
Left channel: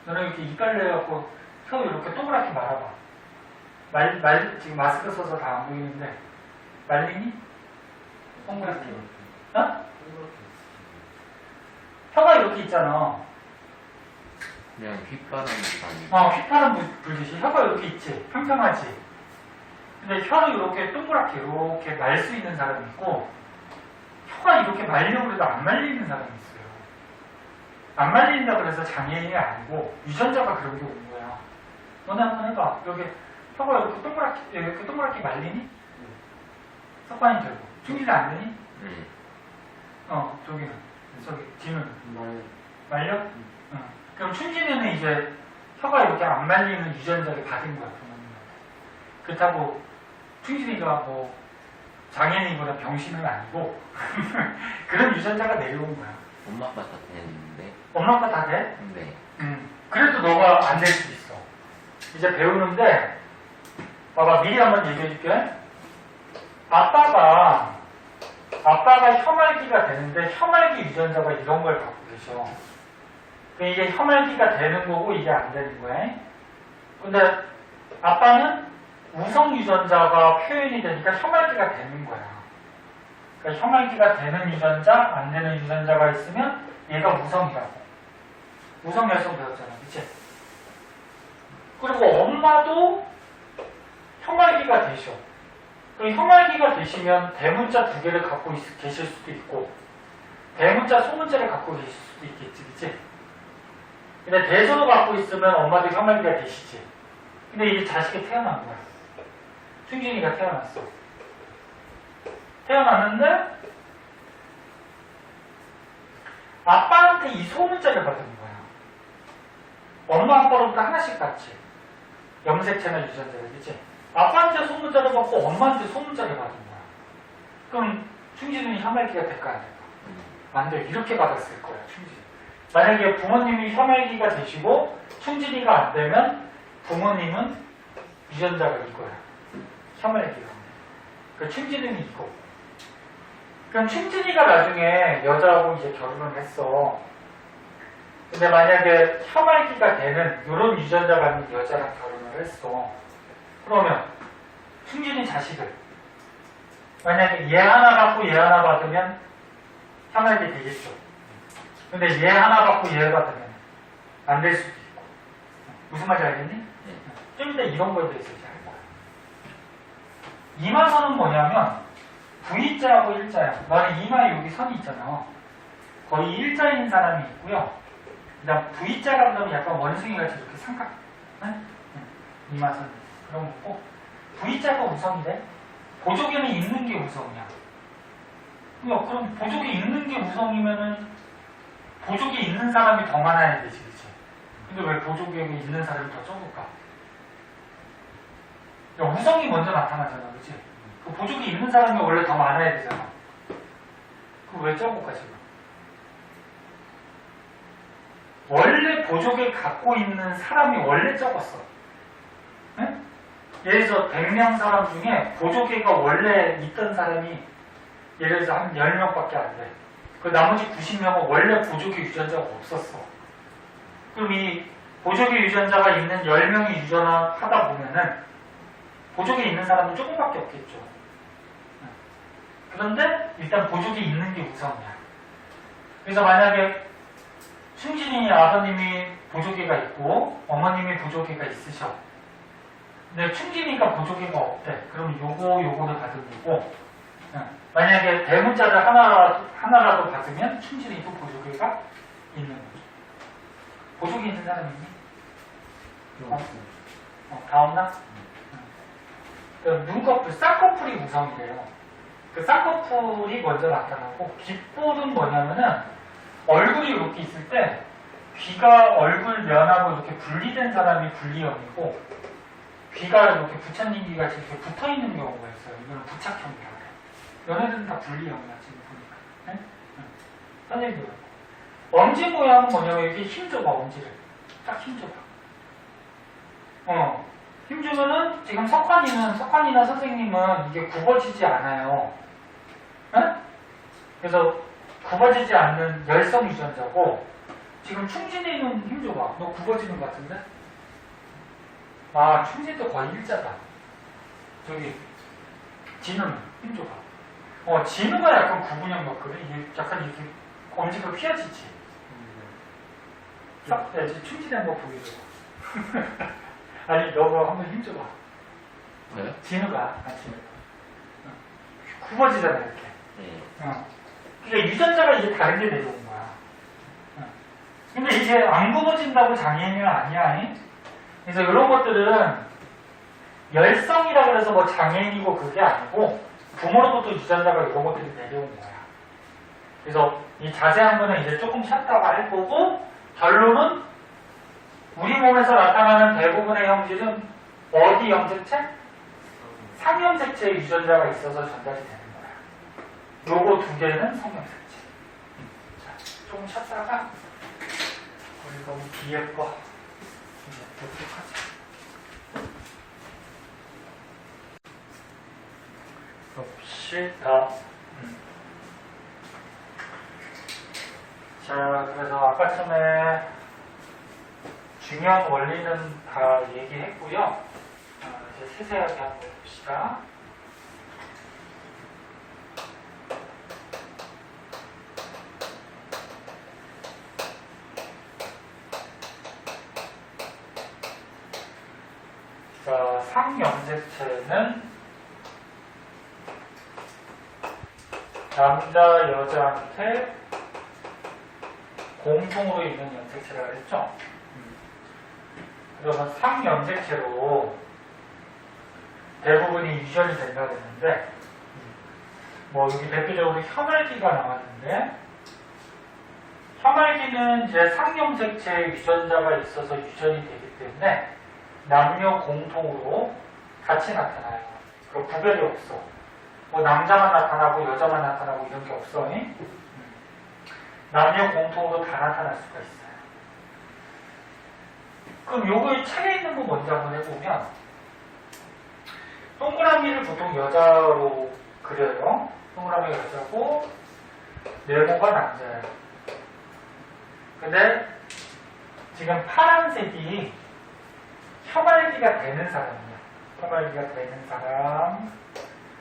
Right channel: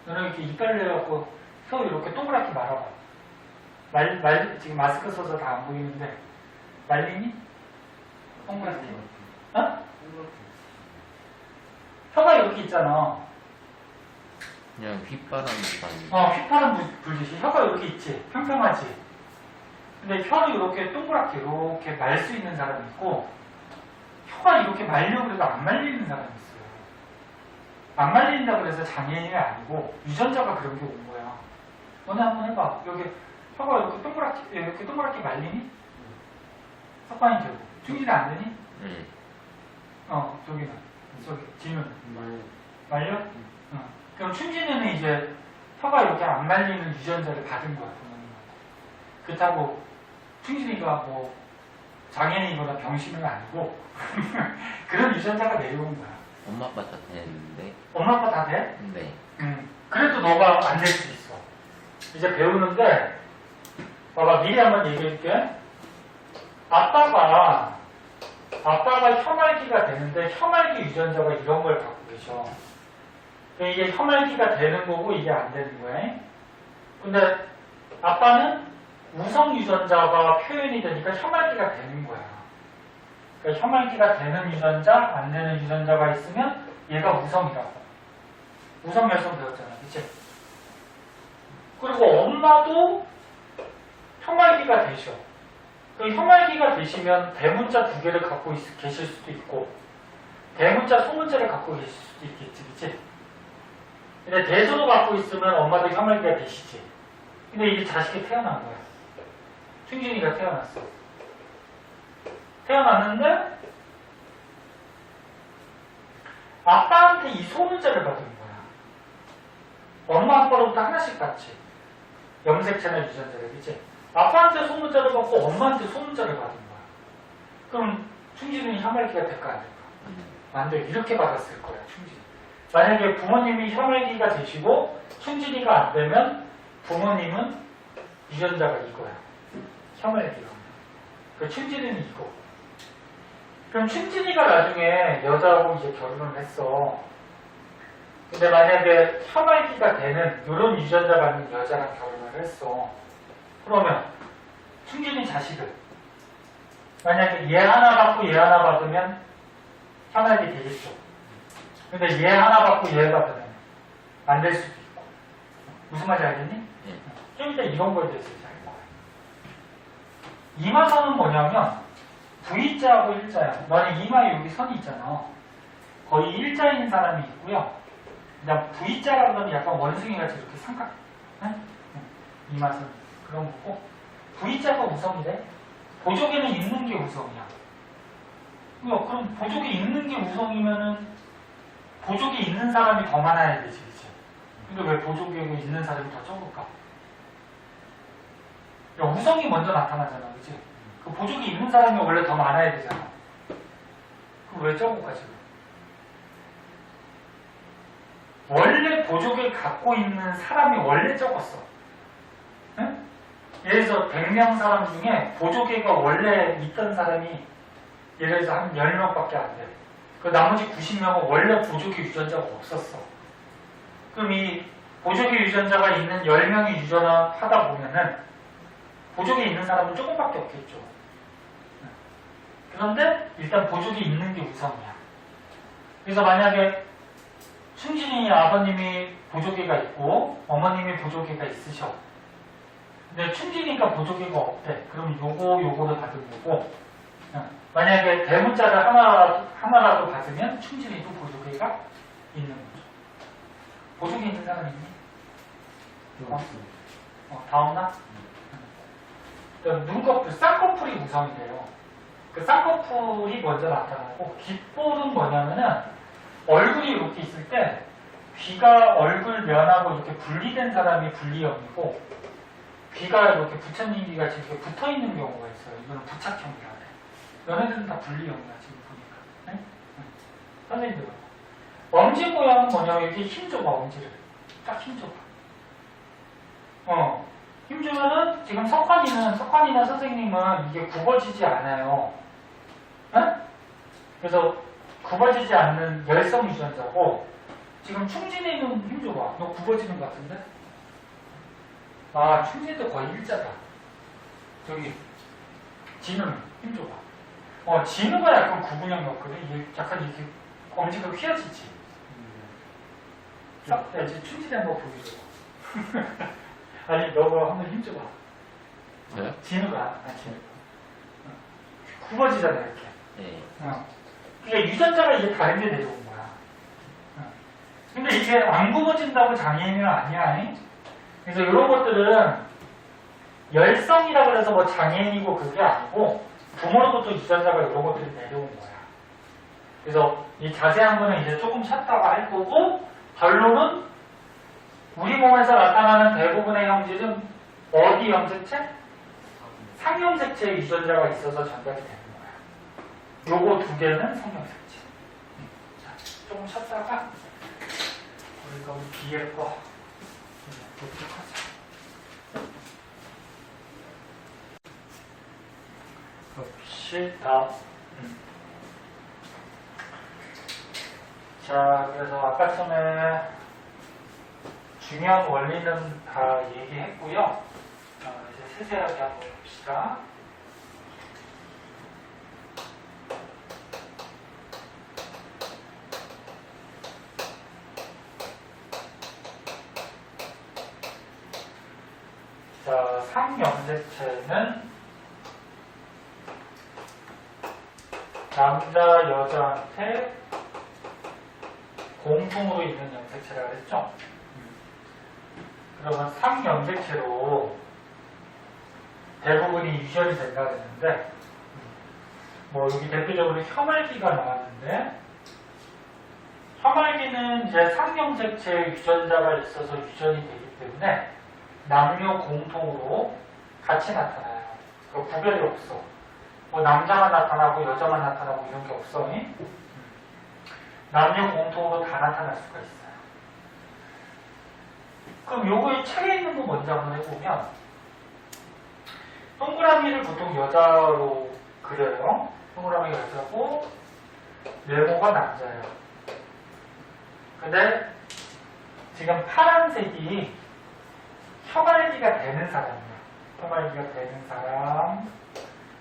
너는 이렇게 이빨 내갖고 혀 이렇게 동그랗게 말아봐. 지금 마스크 써서 다 안 보이는데 말리니? 동그랗게. 어? 혀가 이렇게 있잖아. 그냥 휘파람이랑 휘파람 불듯이 혀가 이렇게 있지. 평평하지. 근데 혀를 이렇게 동그랗게 이렇게 말 수 있는 사람이 있고 혀가 이렇게 말려고 해도 안 말리는 사람이 있어요. 안 말린다고 해서 장애인이 아니고 유전자가 그런 게 온 거야. 너네 한번 해봐. 여기 혀가 이렇게 동그랗게 말리니? 석관이 되고. 충질이 안 되니? 네. 저기는. 저기 뒤는. 말 말려? 그럼 춘진이는 이제 혀가 이렇게 안 말리는 유전자를 받은 거야, 부모님한테. 그렇다고 춘진이가 뭐 장애인이거나 병신은 아니고 그런 유전자가 내려온 거야. 엄마 아빠 다 되는데. 엄마 아빠 다 돼? 네. 그래도 너가 안 될 수 있어. 이제 배우는데 봐봐, 미리 한번 얘기해 줄게. 아빠가 혀말기가 되는데 혀말기 유전자가 이런 걸 갖고 계셔. 이게 혀말기가 되는 거고 이게 안 되는 거야. 근데 아빠는 우성 유전자가 표현이 되니까 혀말기가 되는 거야. 그러니까 혀말기가 되는 유전자, 안 되는 유전자가 있으면 얘가 우성이라고. 우성 열성 배웠잖아, 그치? 그리고 엄마도 혀말기가 되셔. 혀말기가 되시면 대문자 두 개를 갖고 계실 수도 있고 대문자, 소문자를 갖고 계실 수도 있겠지, 그치? 근데 대소로 갖고 있으면 엄마도 혀말기가 되시지. 근데 이게 자식이 태어난 거야. 충진이가 태어났어. 태어났는데 아빠한테 이 소문자를 받은 거야. 엄마 아빠로부터 하나씩 받지. 염색 채널 유전자를, 그치? 아빠한테 소문자를 받고 엄마한테 소문자를 받은 거야. 그럼 충진이는 혀말기가 될까 안 될까? 안 돼. 이렇게 받았을 거야, 충진이. 만약에 부모님이 혀말기가 되시고 충진이가 안 되면 부모님은 유전자가 이거야. 혀말기가. 그 충진이는 이거. 그럼 충진이가 나중에 여자하고 이제 결혼을 했어. 근데 만약에 혀말기가 되는 이런 유전자 받는 여자랑 결혼을 했어. 그러면 충진이 자식을 만약에 얘 하나 받고 얘 하나 받으면 혀말기 되겠죠. 근데 얘 하나 받고 얘 받으면 안 될 수도 있고. 무슨 말인지 알겠니? 네. 좀 이따 이런 거에 대해서 이제 할 거야. 이마선은 뭐냐면 V자하고 일자야. 너는 이마에 여기 선이 있잖아. 거의 일자인 사람이 있고요. 그다음 V자라고 하면 약간 원숭이같이 이렇게 삼각. 응? 이마선 그런 거고. V자가 우성이래. 보조개는 있는 게 우성이야. 그럼 보조개 있는 게 우성이면은 보조개 있는 사람이 더 많아야 되지, 그치? 근데 왜 보조개가 있는 사람이 더 적을까? 야, 우성이 먼저 나타나잖아, 그치? 그 보조개 있는 사람이 원래 더 많아야 되잖아. 그 왜 적을까, 지금? 원래 보조개 갖고 있는 사람이 원래 적었어. 응? 예를 들어서 100명 사람 중에 보조개가 원래 있던 사람이 예를 들어서 한 10명밖에 안 돼. 그 나머지 90명은 원래 보조개 유전자가 없었어. 그럼 이 보조개 유전자가 있는 10명이 유전하다 보면은 보조개 있는 사람은 조금밖에 없겠죠. 그런데 일단 보조개 있는 게 우선이야. 그래서 만약에 충진이 아버님이 보조개가 있고 어머님이 보조개가 있으셔. 근데 충진이가 보조개가 없대. 그럼 요거를 받은 거고, 만약에 대문자를 하나라도 받으면 충진이도 보조개가 있는 거죠. 보조개 있는 사람 있니? 다 없나? 눈꺼풀, 쌍꺼풀이 우성이래요. 그 쌍꺼풀이 먼저 나타나고, 귓볼은 뭐냐면은 얼굴이 이렇게 있을 때 귀가 얼굴 면하고 이렇게 분리된 사람이 분리형이고, 귀가 이렇게 부처님귀 같이 이렇게 붙어 있는 경우가 있어요. 이거는 부착형이라 해. 너네들은 다 분리형이야, 지금 보니까. 네? 선생님들. 엄지 모양은 뭐냐면 이렇게 힘줘봐, 엄지를. 딱 힘줘봐. 힘주면은 지금 석환이나 선생님은 이게 굽어지지 않아요. 네? 그래서 굽어지지 않는 열성 유전자고, 지금 충진이는 힘 줘봐. 너 굽어지는 것 같은데? 아, 충진도 거의 일자다. 저기, 진우는 힘 줘봐. 진우가 약간 구분형 같거든. 이게 약간 이렇게 엄지가 휘어지지. 싹, 야, 충진이 한번 보여줘. 아니, 너가 한번 힘 줘봐. 저요? 진우가. 굽어지잖아, 이렇게. 네. 그러니까 유전자가 이게 다른 게 내려온 거야. 근데 이게 안 굽어진다고 장애인은 아니야. 그래서 이런 것들은 열성이라 그래서 뭐 장애인이고 그게 아니고 부모로부터 유전자가 이런 것들이 내려온 거야. 그래서 이 자세한 거는 이제 조금 찾다가 할 거고 결론은 우리 몸에서 나타나는 대부분의 형질은 어디 염색체? 상염색체의 유전자가 있어서 전달이 되는 거야. 요거 두 개는 상염색체. 자, 조금 찾다가 우리 너무 뒤에 거 봅시다. 자, 그래서 아까 전에 중요한 원리는 다 얘기했고요. 이제 세세하게 한번 봅시다. 자, 상염색체는 남자, 여자한테 공통으로 있는 염색체라고 했죠? 그러면 상염색체로 대부분이 유전이 된다고 했는데, 뭐 여기 대표적으로 혐알기가 나왔는데, 혐알기는 이제 상염색체 유전자가 있어서 유전이 되기 때문에 남녀 공통으로 같이 나타나요. 그 구별이 없어. 뭐 남자만 나타나고 여자만 나타나고 이런 게 없어. 남녀 공통으로 다 나타날 수가 있어요. 그럼 요거의 책에 있는 거 먼저 한번 해보면 동그라미를 보통 여자로 그려요. 동그라미가 여자고 네모가 남자예요. 근데 지금 파란색이 혐알기가 되는 사람이에요. 혐알기가 되는 사람.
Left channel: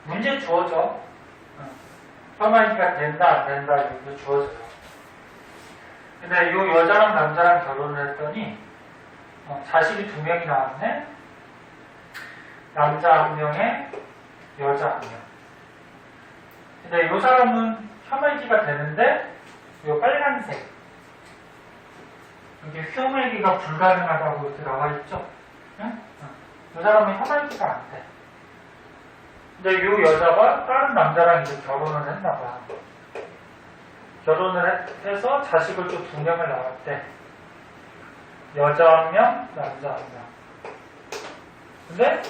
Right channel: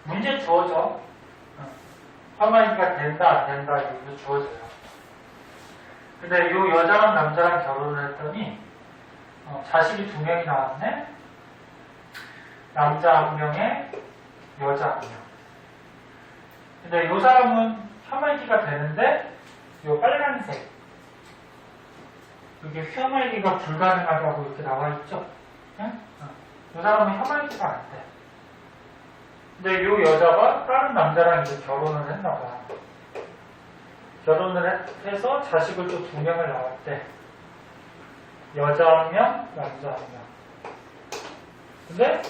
문제 주어져. 혐알기가 된다, 안 된다, 이거 주어져요. 근데 이 여자랑 남자랑 결혼을 했더니, 자식이 2명이 나왔네? 남자 1명에 여자 1명. 근데 이 사람은 혐알기가 되는데, 이 빨간색. 이게 혐알기가 불가능하다고 이렇게 나와있죠? 이 사람은 혐알기가 안 돼. 근데 이 여자가 다른 남자랑 이제 결혼을 했나봐. 결혼을 해서 자식을 또 2명을 낳았대. 여자 1명, 남자 1명. 근데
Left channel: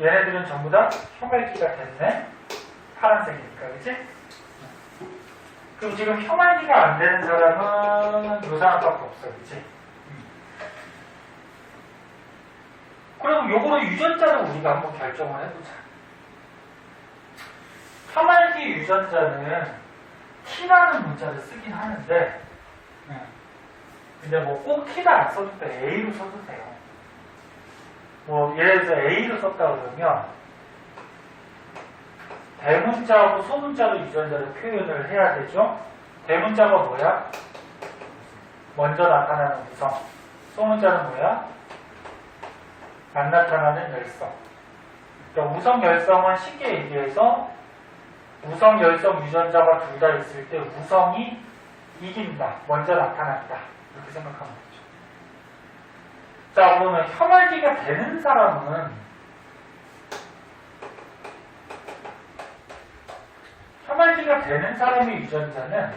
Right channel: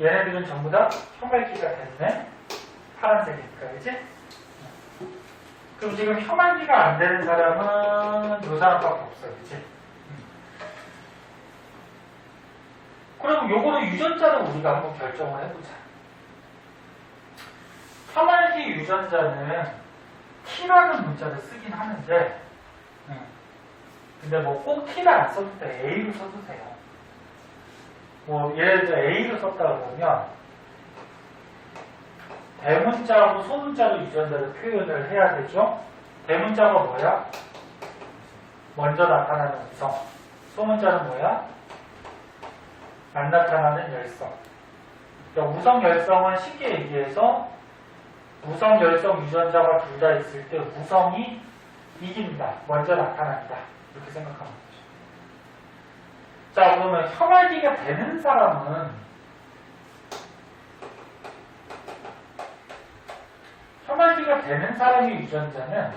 얘네들은 전부 다 혐알기가 됐네. 파란색이니까, 그치? 그럼 지금 혐알기가 안 되는 사람은 이 사람밖에 없어, 그치? 그럼 요거로 유전자를 우리가 한번 결정을 해보자. 혐알기 유전자는 T라는 문자를 쓰긴 하는데, 근데 뭐 꼭 T를 안 써도 돼. A로 써도 돼요. 뭐 예를 들어서 A로 썼다 그러면 대문자하고 소문자로 유전자를 표현을 해야 되죠. 대문자가 뭐야? 먼저 나타나는 우성. 소문자는 뭐야? 안 나타나는 열성. 그러니까 우성, 열성은 쉽게 얘기해서 우성, 열성 유전자가 둘 다 있을 때 우성이 이긴다. 먼저 나타난다. 이렇게 생각하면 되죠. 자, 그러면 혐알기가 되는 사람은 혐알기가 되는 사람의 유전자는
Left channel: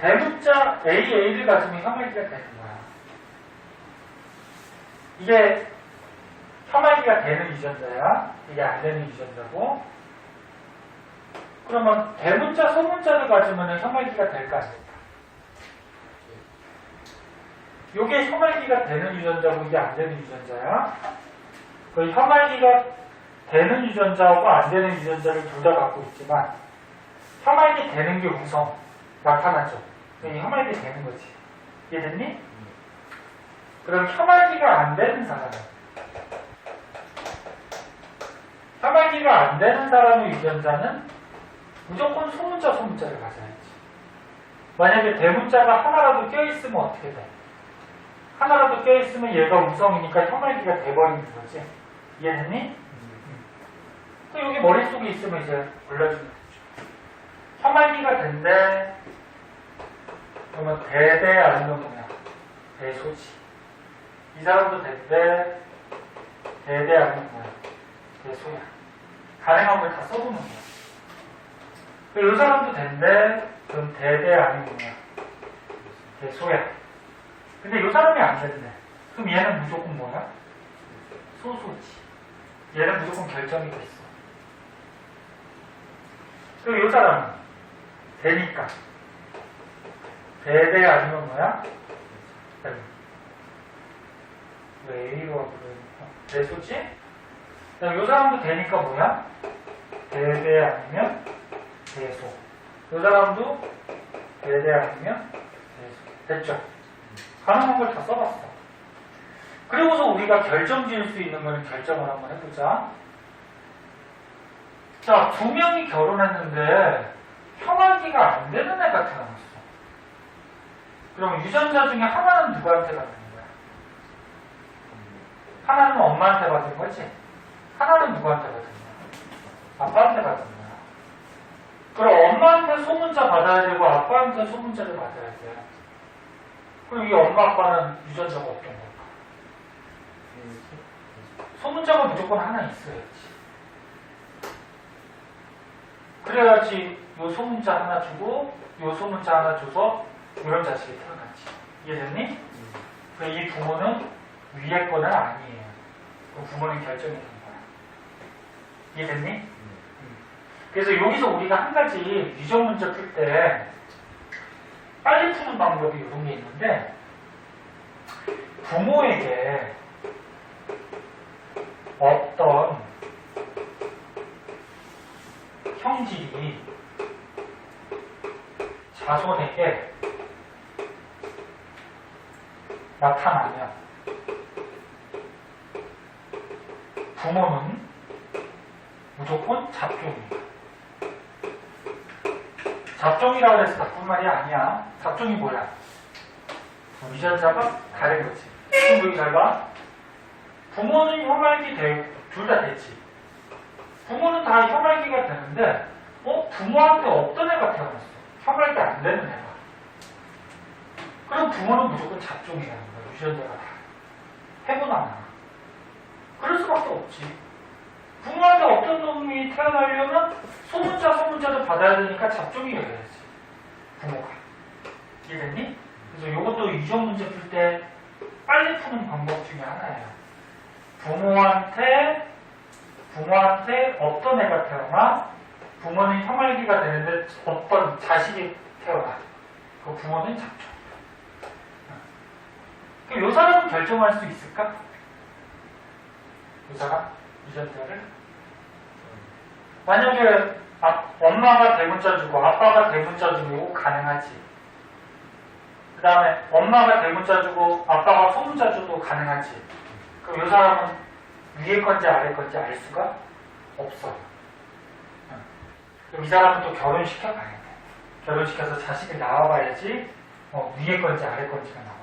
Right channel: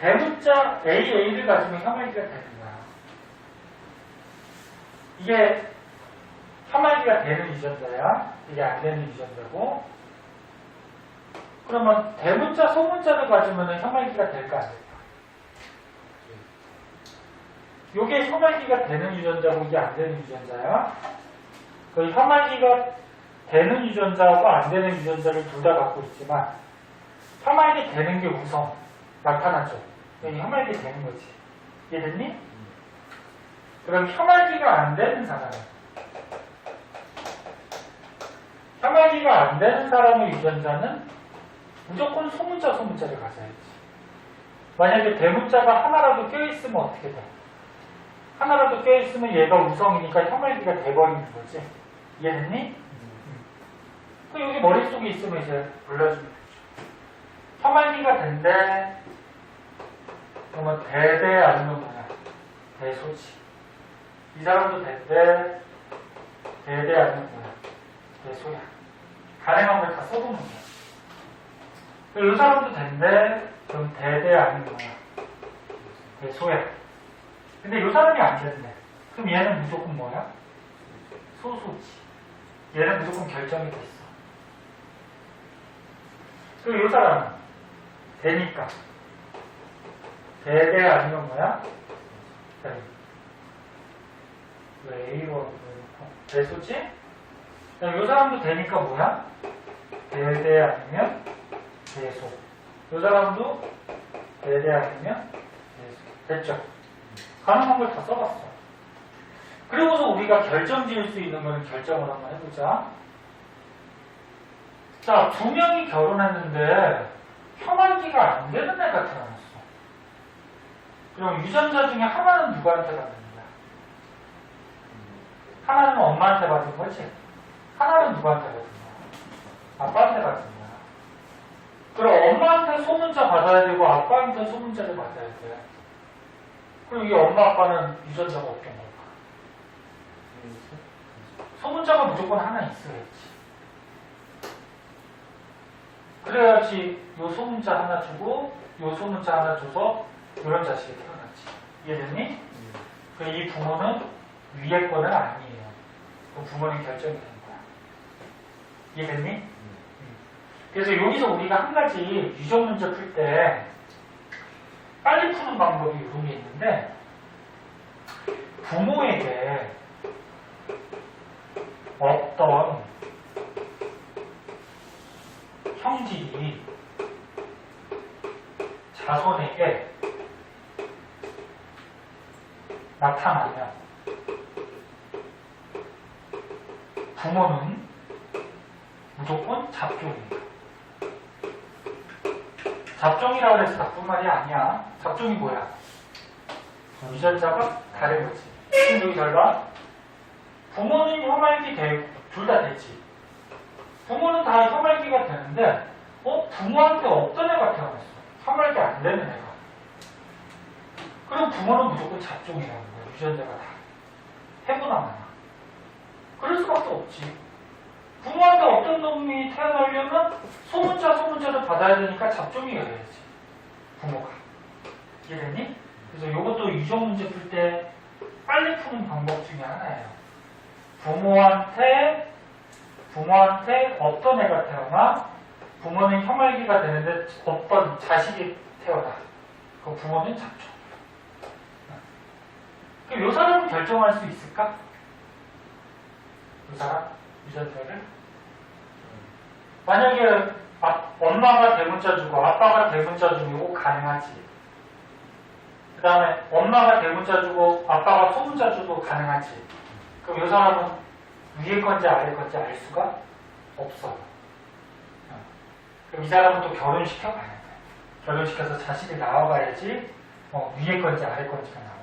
대문자 AA를 가지면 혐알기가 되는 거야. 이게 혐알기가 되는 유전자야. 이게 안 되는 유전자고. 그러면 대문자, 소문자를 가지면 혐알기가 될까 안 될까? 이게 혐알기가 되는 유전자고 이게 안 되는 유전자야. 그 혐알기가 되는 유전자하고 안 되는 유전자를 둘 다 갖고 있지만 혐알기 되는 게 우선 나타나죠. 여기 혐알기 되는 거지. 이해됐니? 그럼 혐알기가 안 되는 사람은 혐알기가 안 되는 사람의 유전자는 무조건 소문자 소문자를 가져야지. 만약에 대문자가 하나라도 껴있으면 어떻게 돼? 하나라도 껴있으면 얘가 우성이니까 혐알기가 돼버리는 거지. 이해됐니? 또 여기 머릿속에 있으면 이제 몰라주면 되죠. 혐알기가 된대. 그러면 대대 아니면 뭐냐? 대소지. 이 사람도 된대. 대대 아니면 뭐야? 대소야. 가능한 걸 다 써보는 거야. 이 사람도 된대. 그럼 대대 아니면 뭐야? 대소야. 근데 이 사람이 안 된대. 그럼 얘는 무조건 뭐야? 소소지. 얘는 무조건 결정이 됐어. 그리고 이 사람은 되니까 대대 아니면 뭐야? 왜 A와 대소지? 이 사람도 되니까 뭐야? 대대 아니면 대소. 이 사람도 대대 아니면 대소. 됐죠? 가능한 걸 다 써봤어. 그리고서 우리가 결정 지을 수 있는 거는 결정을 한번 해보자. 자, 두 명이 결혼했는데 혐알기가 안 되는 애가 태어났어. 그럼 유전자 중에 하나는 누구한테 받는 거야? 하나는 엄마한테 받은 거지? 하나는 누구한테 받은 거야? 아빠한테 받은 거야. 그럼 엄마한테 소문자 받아야 되고 아빠한테 소문자를 받아야 돼. 그럼 이 엄마 아빠는 유전자가 어떤 걸까? 소문자가 무조건 하나 있어야지. 그래야지 요 소문자 하나 주고 요 소문자 하나 줘서 이런 자식이 태어났지. 이해됐니? 이 부모는 위에 거는 아니에요. 그 부모는 결정이 된 거야. 이해됐니? 그래서 여기서 우리가 한 가지 유전 문제 풀 때 빨리 푸는 방법이 이런 게 있는데, 부모에게 어떤 형질이 자손에게 나타나면 부모는 무조건 잡종이에요. 잡종이라고 해서 나쁜 말이 아니야. 잡종이 뭐야? 유전자가 다른 거지. 그럼 여기 잘 봐. 부모는 혐알기 둘 다 됐지. 부모는 다 혐알기가 되는데 부모한테 없던 애가 태어났어. 혐알기 안 되는 애가. 그럼 부모는 무조건 잡종이라는 거야. 유전자가 다. 해보나. 그럴 수밖에 없지. 부모한테 어떤 놈이 태어나려면 소문자를 받아야 되니까 잡종이라 그래야지. 부모가. 이해됐니? 그래서 이것도 유전 문제 풀 때 빨리 푸는 방법 중에 하나예요. 부모한테 어떤 애가 태어나, 부모는 혐알기가 되는데 어떤 자식이 태어나. 그 부모는 잡종. 그럼 이 사람은 결정할 수 있을까? 이 사람? 유전자를? 만약에 엄마가 대문자 주고 아빠가 대문자 주고 이거 가능하지. 그 다음에 엄마가 대문자 주고 아빠가 소문자 줘도 가능하지. 그럼 이 사람은 위에 건지 아래 건지 알 수가 없어. 그럼 이 사람은 또 결혼시켜 가야 돼. 결혼시켜서 자식이 나와봐야지 위에 건지 아래 건지가 나와요.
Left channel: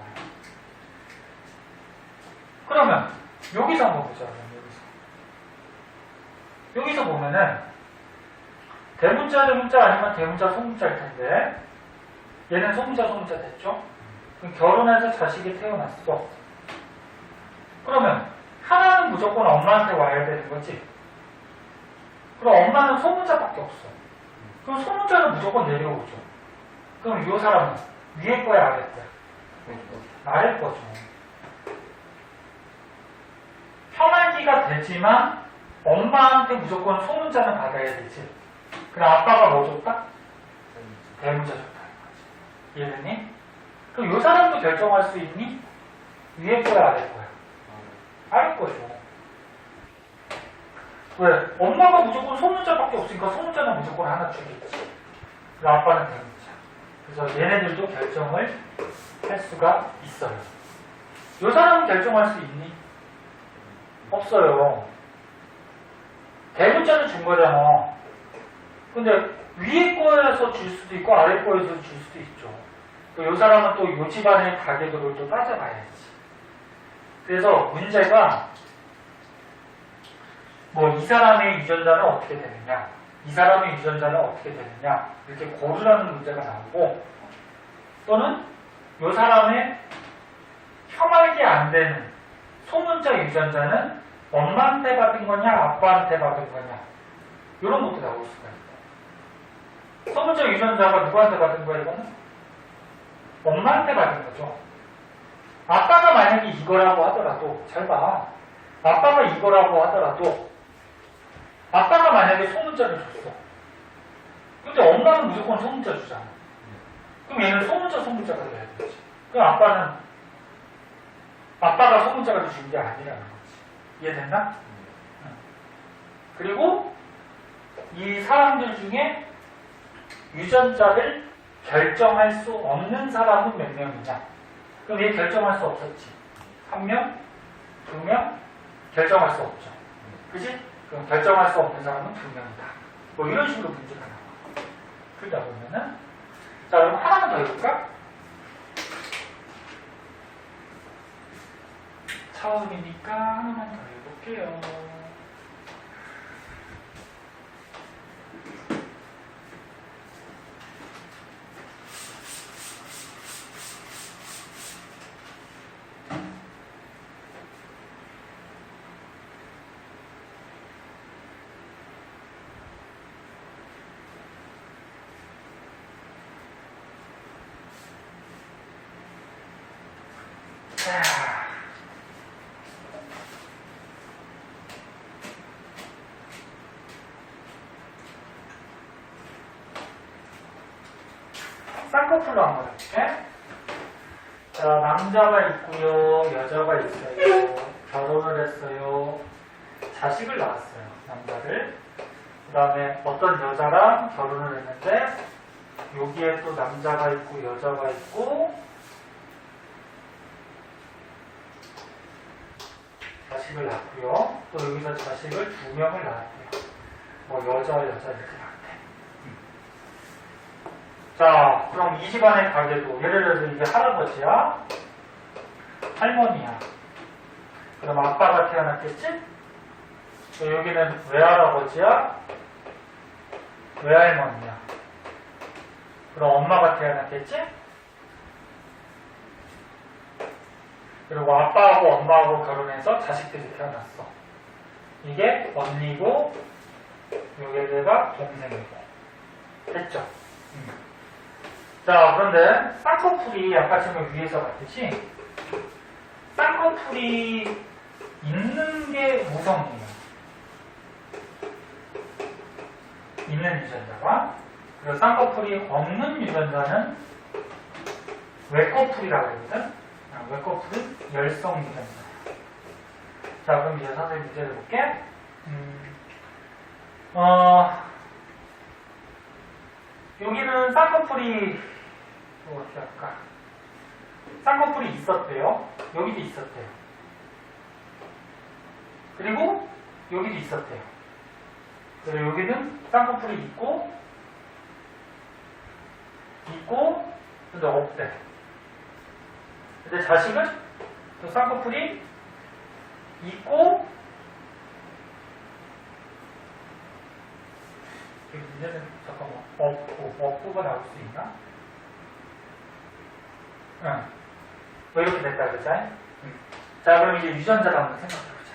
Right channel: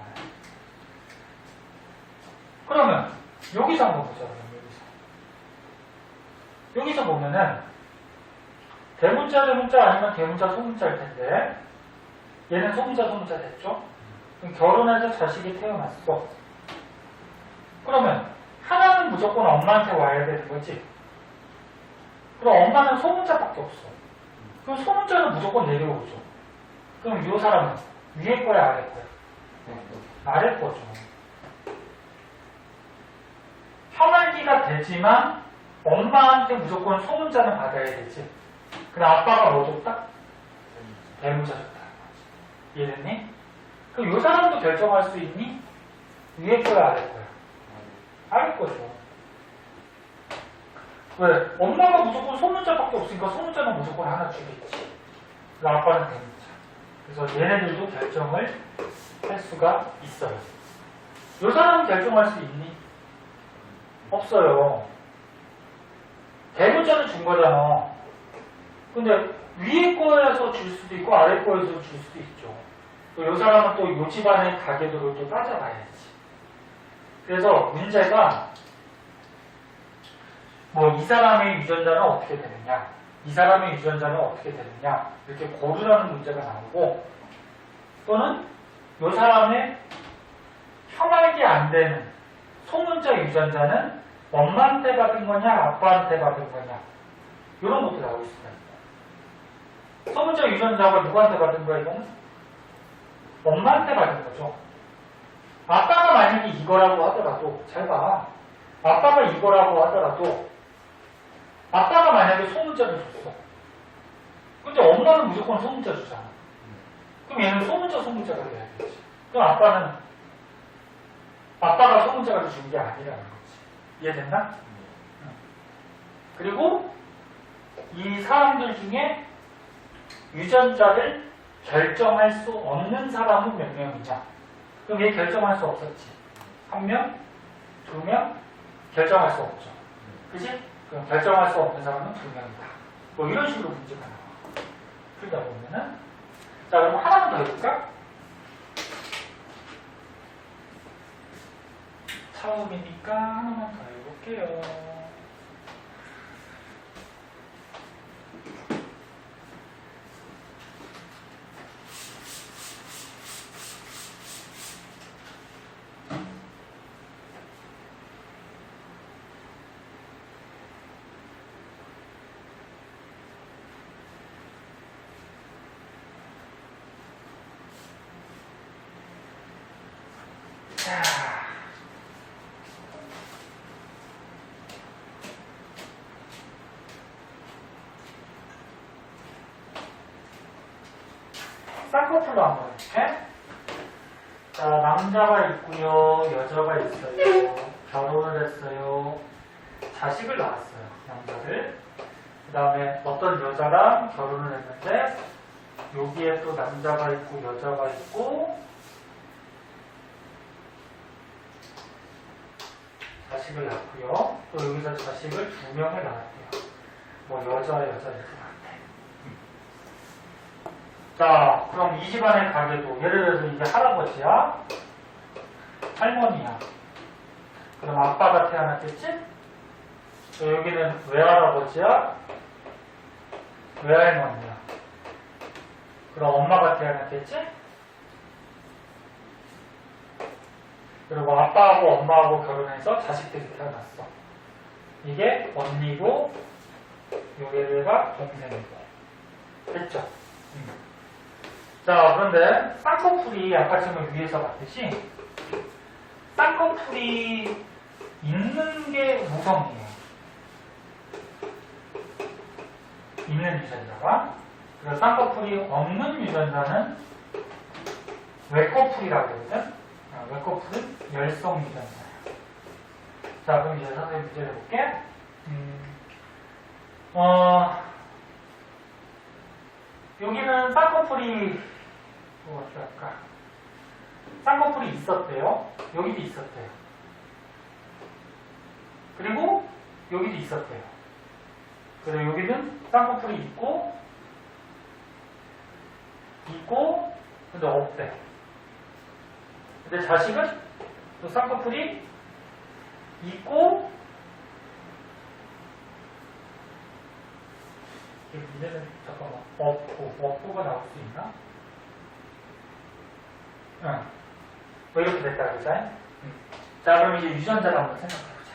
그러면 여기서 한번 보자. 여기서 보면은 대문자 아니면 대문자 소문자일 텐데, 얘는 소문자 됐죠? 그럼 결혼해서 자식이 태어났어. 그러면 하나는 무조건 엄마한테 와야 되는 거지. 그럼 엄마는 소문자밖에 없어. 그럼 소문자는 무조건 내려오죠. 그럼 이 사람은 위에 거야 아래 거야? 아래 거죠. 혐알기가 되지만 엄마한테 무조건 소문자는 받아야 되지. 그럼 아빠가 뭐 줬다? 대문자 줬다는 거지. 이해됐니? 그럼 이 사람도 결정할 수 있니? 위에 거야 아래 거야? 아래 거죠. 왜? 엄마가 무조건 소문자밖에 없으니까 소문자는 무조건 하나 주겠지. 그럼 아빠는 대문자. 그래서 얘네들도 결정을 할 수가 있어요. 요 사람은 결정할 수 있니? 없어요. 대문자는 준 거잖아. 근데 위에 거에서 줄 수도 있고 아래 거에서 줄 수도 있죠. 또 요 사람은 또 요 집안의 가계도를 또 따져봐야지. 그래서 문제가 뭐 이 사람의 유전자는 어떻게 되느냐, 이 사람의 유전자는 어떻게 되느냐 이렇게 고르라는 문제가 나오고, 또는 요 사람의 혐알기 안 되는 소문자 유전자는 엄마한테 받은 거냐 아빠한테 받은 거냐 이런 것도 나올 수가 있다. 소문자 유전자가 누구한테 받은 거야? 이거는 엄마한테 받은 거죠. 아빠가 만약에 이거라고 하더라도, 잘 봐, 아빠가 이거라고 하더라도 아빠가 만약에 소문자를 줬어. 근데 엄마는 무조건 소문자 주잖아. 그럼 얘는 소문자가 돼야 되지. 그럼 아빠가 소문자를 준 게 아니라는 거지. 이해됐나? 그리고 이 사람들 중에 유전자를 결정할 수 없는 사람은 몇 명이냐? 그럼 얘 결정할 수 없었지. 1명, 2명 결정할 수 없죠. 그치? 그럼 결정할 수 없는 사람은 2명이다. 뭐 이런 식으로 문제가 나와. 그러다 보면은, 자, 그럼 하나만 더 해볼까? 처음이니까 하나만 더 해볼게요. 자, 쌍꺼풀로 한번 해볼게. 자, 남자가 있고요, 여자가 있어요. 결혼을 했어요. 자식을 낳았어요, 남자를. 그 다음에 어떤 여자랑 결혼을 했는데 여기에 또 남자가 있고 여자가 있고 자식을 낳고요. 또 여기서 자식을 2명을 낳았대요. 뭐 여자 이렇게 낳았대. 자, 그럼 이 집안의 가계도, 예를 들어서 이게 할아버지야, 할머니야. 그럼 아빠가 태어났겠지? 여기는 외할아버지야, 외할머니야. 그럼 엄마가 태어났겠지? 그리고 아빠하고 엄마하고 결혼해서 자식들이 태어났어. 이게 언니고, 여기가 동생이고. 됐죠? 자, 그런데 쌍꺼풀이 아까 지금 위에서 봤듯이 쌍꺼풀이 있는 게 우성이에요. 있는 유전자가. 그리고 쌍꺼풀이 없는 유전자는 외꺼풀이라고 하거든. 외꺼풀은 열성 유전자. 자, 그럼 이제 선생님 문제를 볼게. 여기는 쌍꺼풀이 어떻게 할까? 쌍꺼풀이 있었대요. 여기도 있었대요. 그리고 여기도 있었대요. 그리고 여기는 쌍꺼풀이 있고 근데 없대. 근데 자식은 또 쌍꺼풀이 있고 이제는 잠깐만 없고가 나올 수 있나? 응. 뭐 이렇게 됐다 그죠? 자, 그럼 이제 유전자를 한번 생각해보자.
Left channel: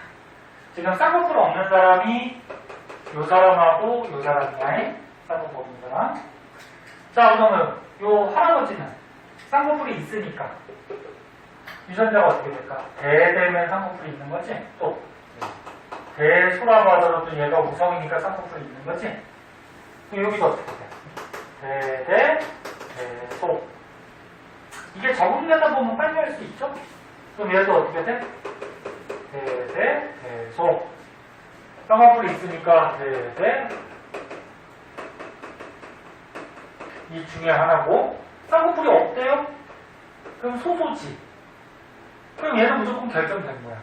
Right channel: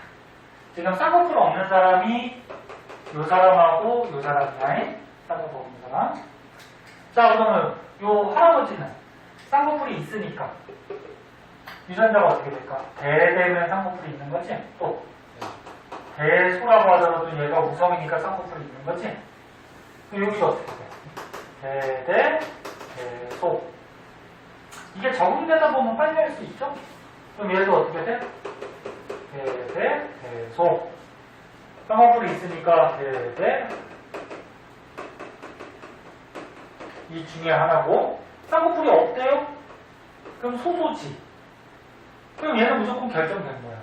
지금 쌍꺼풀 없는 사람이 요 사람하고 요 사람이야. 쌍꺼풀 없는 사람. 자, 그러면 요 할아버지는 쌍꺼풀이 있으니까 유전자가 어떻게 될까? 대대면 쌍꺼풀이 있는 거지? 또 대소라고 하더라도 얘가 우성이니까 쌍꺼풀이 있는 거지? 그럼 여기가 어떻게 돼? 대대, 대소. 이게 적응되다 보면 빨리 할 수 있죠? 그럼 얘도 어떻게 돼? 대대, 대소. 쌍꺼풀이 있으니까 대대, 이 중에 하나고, 쌍꺼풀이 없대요? 그럼 소소지. 그럼 얘는 무조건 결정된 거야.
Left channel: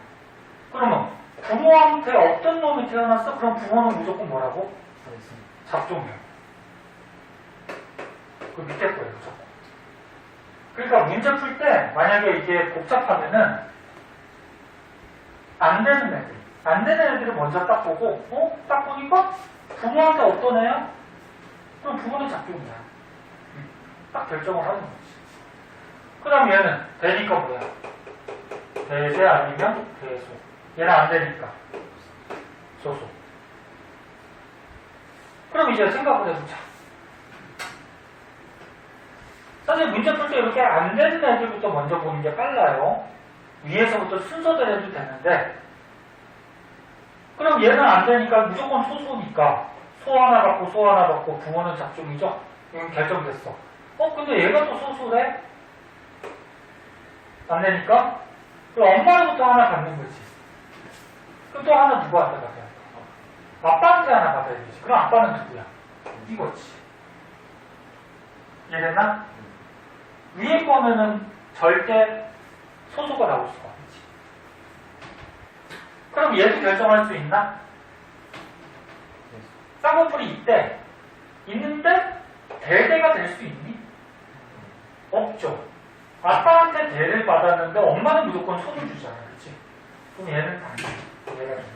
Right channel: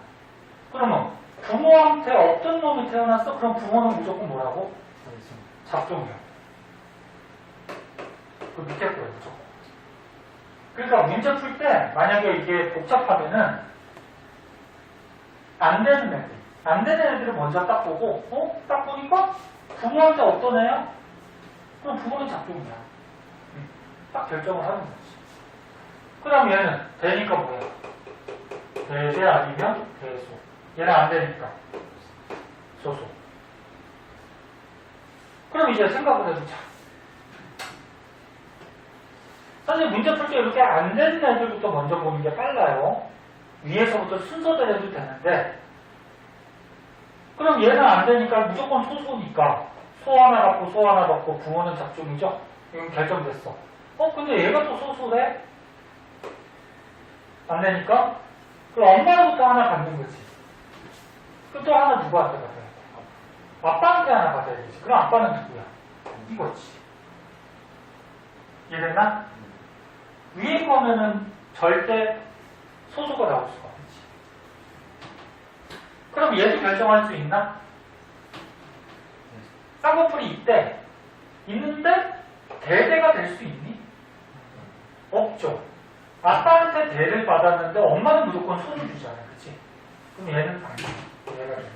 그러면 부모한테 어떤 놈이 태어났어? 그럼 부모는 무조건 뭐라고? 잡종형. 그 밑에 거예요, 무조건. 그러니까 문제 풀 때 만약에 이게 복잡하면은 안 되는 애들, 안 되는 애들을 먼저 딱 보고, 딱 보니까 부모한테 어떤 애야? 그럼 부모는 잡종이야. 딱 결정을 하는 거지. 그 다음 얘는 되니까 뭐야? 대대 아니면 대소. 얘는 안 되니까 소소. 그럼 이제 생각을 해보자. 사실 문제 풀 때 이렇게 안 되는 애들부터 먼저 보는 게 빨라요. 위에서부터 순서대로 해도 되는데, 그럼 얘는 안 되니까 무조건 소소니까 소 하나 받고 소 하나 받고 부모는 잡종이죠? 이건 결정됐어. 근데 얘가 또 소소래? 안 되니까? 그럼 엄마로부터 하나 받는 거지. 그럼 또 하나 누구한테 받아야 돼? 아빠한테 하나 받아야 되지. 그럼 아빠는 누구야? 이거지. 이해됐나? 위에 거면은 절대 소소가 나올 수가 없지. 그럼 얘도 결정할 수 있나? 쌍꺼풀이 있대. 있는데 대대가 될 수 있니? 없죠. 아빠한테 대를 받았는데 엄마는 무조건 손을 주잖아. 그치? 그럼 얘는 안 돼. 얘가 되는 거지.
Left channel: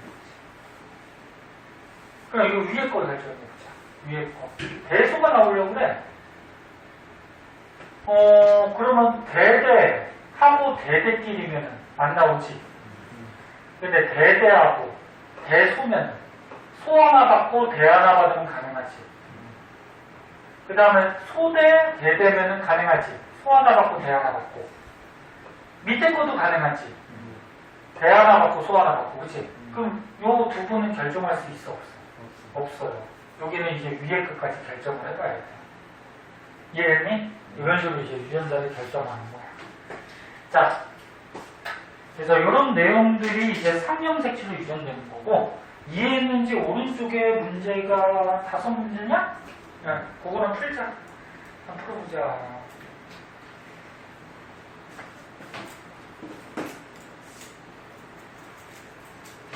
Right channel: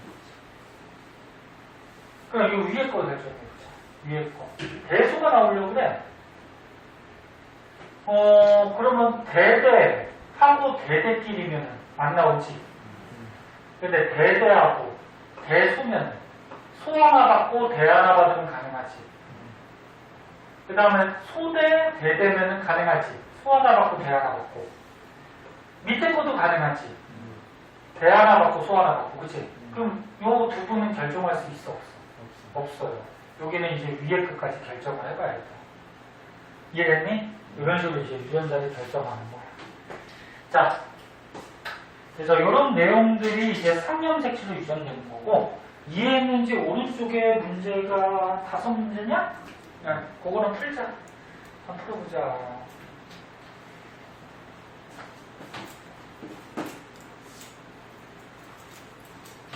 그럼 이거 위에 거 결정해보자. 위에 거. 대소가 나오려고 그래. 그러면 대대하고 대대끼리면 안 나오지. 근데 대대하고 대소면 소 하나 받고 대 하나 받으면 가능하지. 그 다음에 소대 대대면 가능하지. 소 하나 받고 대 하나 받고. 밑에 것도 가능하지. 대 하나 받고 소 하나 받고. 그치? 그럼 요 두 분은 결정할 수 있어? 없어? 없어요. 여기는 이제 위에 끝까지 결정을 해봐야 돼. 이해했니? 이런 식으로 이제 유전자를 결정하는 거야. 자, 그래서 이런 내용들이 이제 3형 색채로 유전되는 거고, 이해했는지 오른쪽에 문제가 5문제냐? 그거는 풀자. 한번 풀어보자.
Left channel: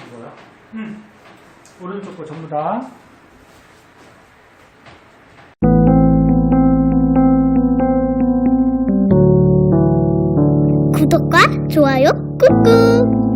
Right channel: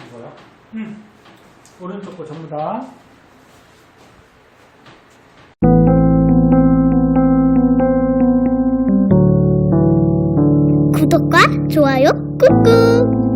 이거요? 오른쪽 거 전부 다. 구독과 좋아요 꾹꾹.